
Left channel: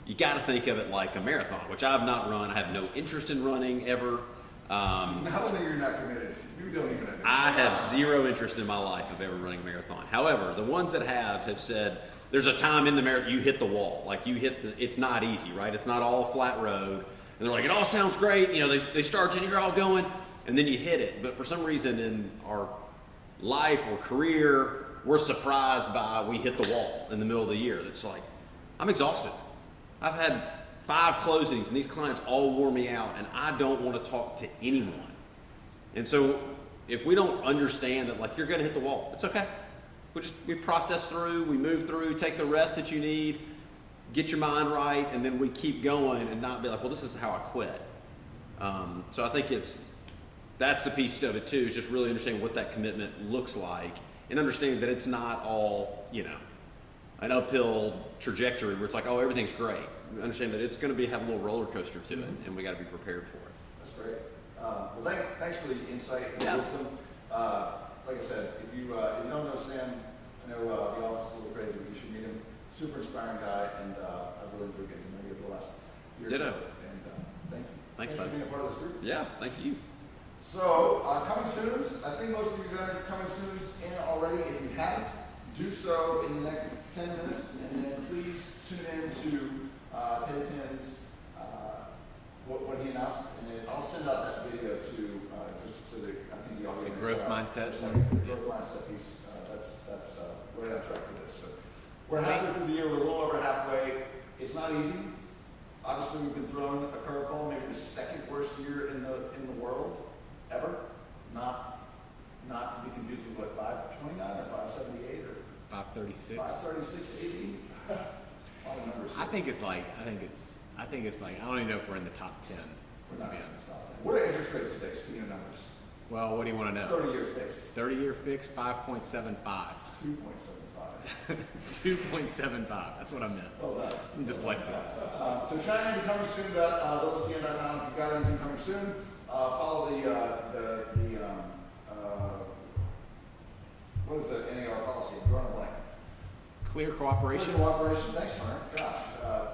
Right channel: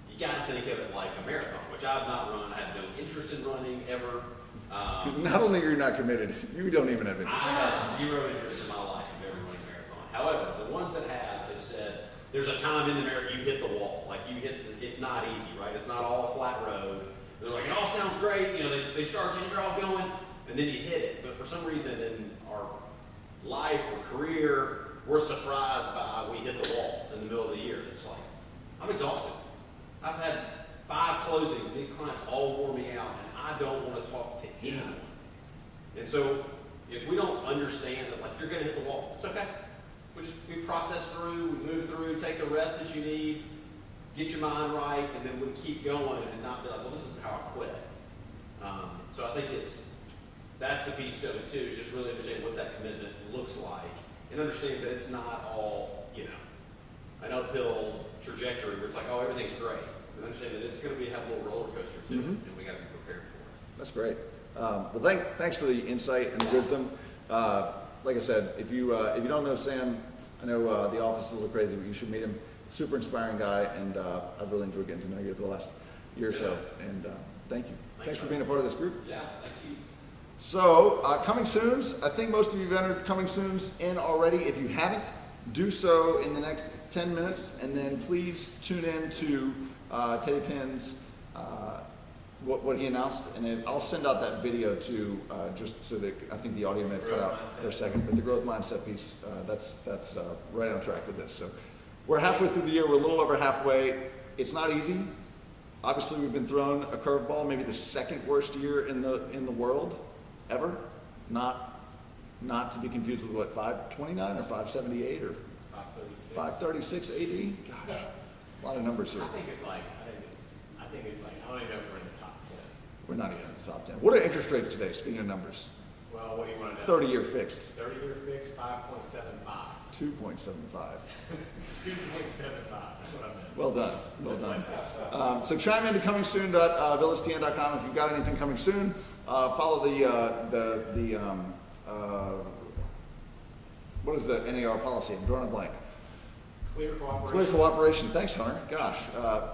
you got to think of it like a marathon, which I've not run. I have no interest in running ever. Not only are you not committed, you don't even have interest. I have zero interest in my life of ever running a marathon. However, the ones that have said, there's a time in the marathon you hit the wall. Like it's not easy, right? It's not all a flat road. And they're like, it all sounds great. They start you, you're all going, and then you hit it. But for some reason in our life or career, we're surprised by we hit the wall in the middle of the year. It's like, I'm exhausted. I've had 5 closings and these clients all wore me out, and I don't want to talk to anyone. And so if we don't understand that, like, you're going to hit the wall, it's okay. We process through, we move through, take the rest that you need, get your mind right, and then we keep going and not be like, well, this is how I quit. So I think that's the piece of it too, is just really understanding what that commitment looks like. And understanding that it's not all, an uphill trajectory where it's like, oh, everything's great. We understand that it's going to have a little roller coaster to it, and we got to be prepared for it. That's great. Well, thanks for the insight and the wisdom. Like I said, if you don't know Sam, I know the office is a little crazy, but you should meet him. Super inspiring guy, and I've really enjoyed getting to know you for the last year or so. And thank you. Thanks for being a part of this group. Yeah, thank you. So, coming soons. I think most of you have entered coming soons in already. If you haven't, do so in the next 10 minutes, and then please tune in to Teddy Pinn's what he announced, and then I'll send out that video too, just so that I think the audio may growth cut out mindset for a second. But the growth mindset piece, that's right on track with this. So we're halfway through the year. We're a little over halfway. It's not easy. Obviously, we've been thrown a curveball. Maybe the second worst year in the world ever. Not to be confused with what, 529 or 578 or 536. 536 AD. Gosh, a lot of numbers here. I think it's like I don't even know if we're in the top 10. We're not even in the top 10. What are interest rates today? Speaking of numbers, Well, what do you want to know? 30-year fixed. 30-year fix, 5.75. 2.75. 2.75. That's what I meant. Well done. Dyslexia. So chime in to comingsoon.villagetn.com if you've got anything coming soon. Follow what is the NAR policy? I'm drawing a blank. Clear Clear cooperation. cooperation. Thanks, Hunter. Gosh.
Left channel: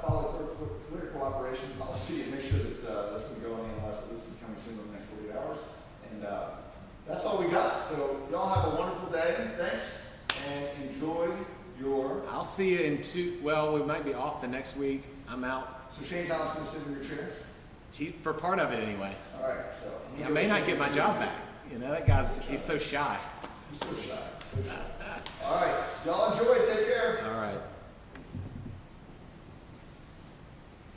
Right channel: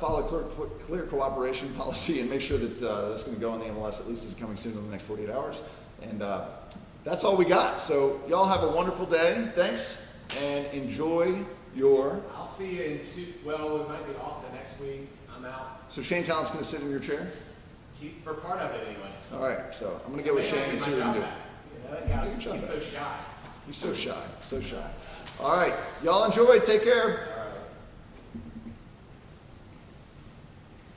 Follow clear cooperation policy and make sure that that's going to go on the MLS at least is coming soon in the next 48 hours. And that's all we got. So y'all have a wonderful day. Thanks. And enjoy your... I'll see you in well, we might be off the next week. I'm out So Shane Talent's going to sit in your chair? for part of it anyway. All right. So I'm I going to may go not get my job back. You know, that guy's, he's so shy. He's so shy. So shy. All right. Y'all enjoy. Take care. All right.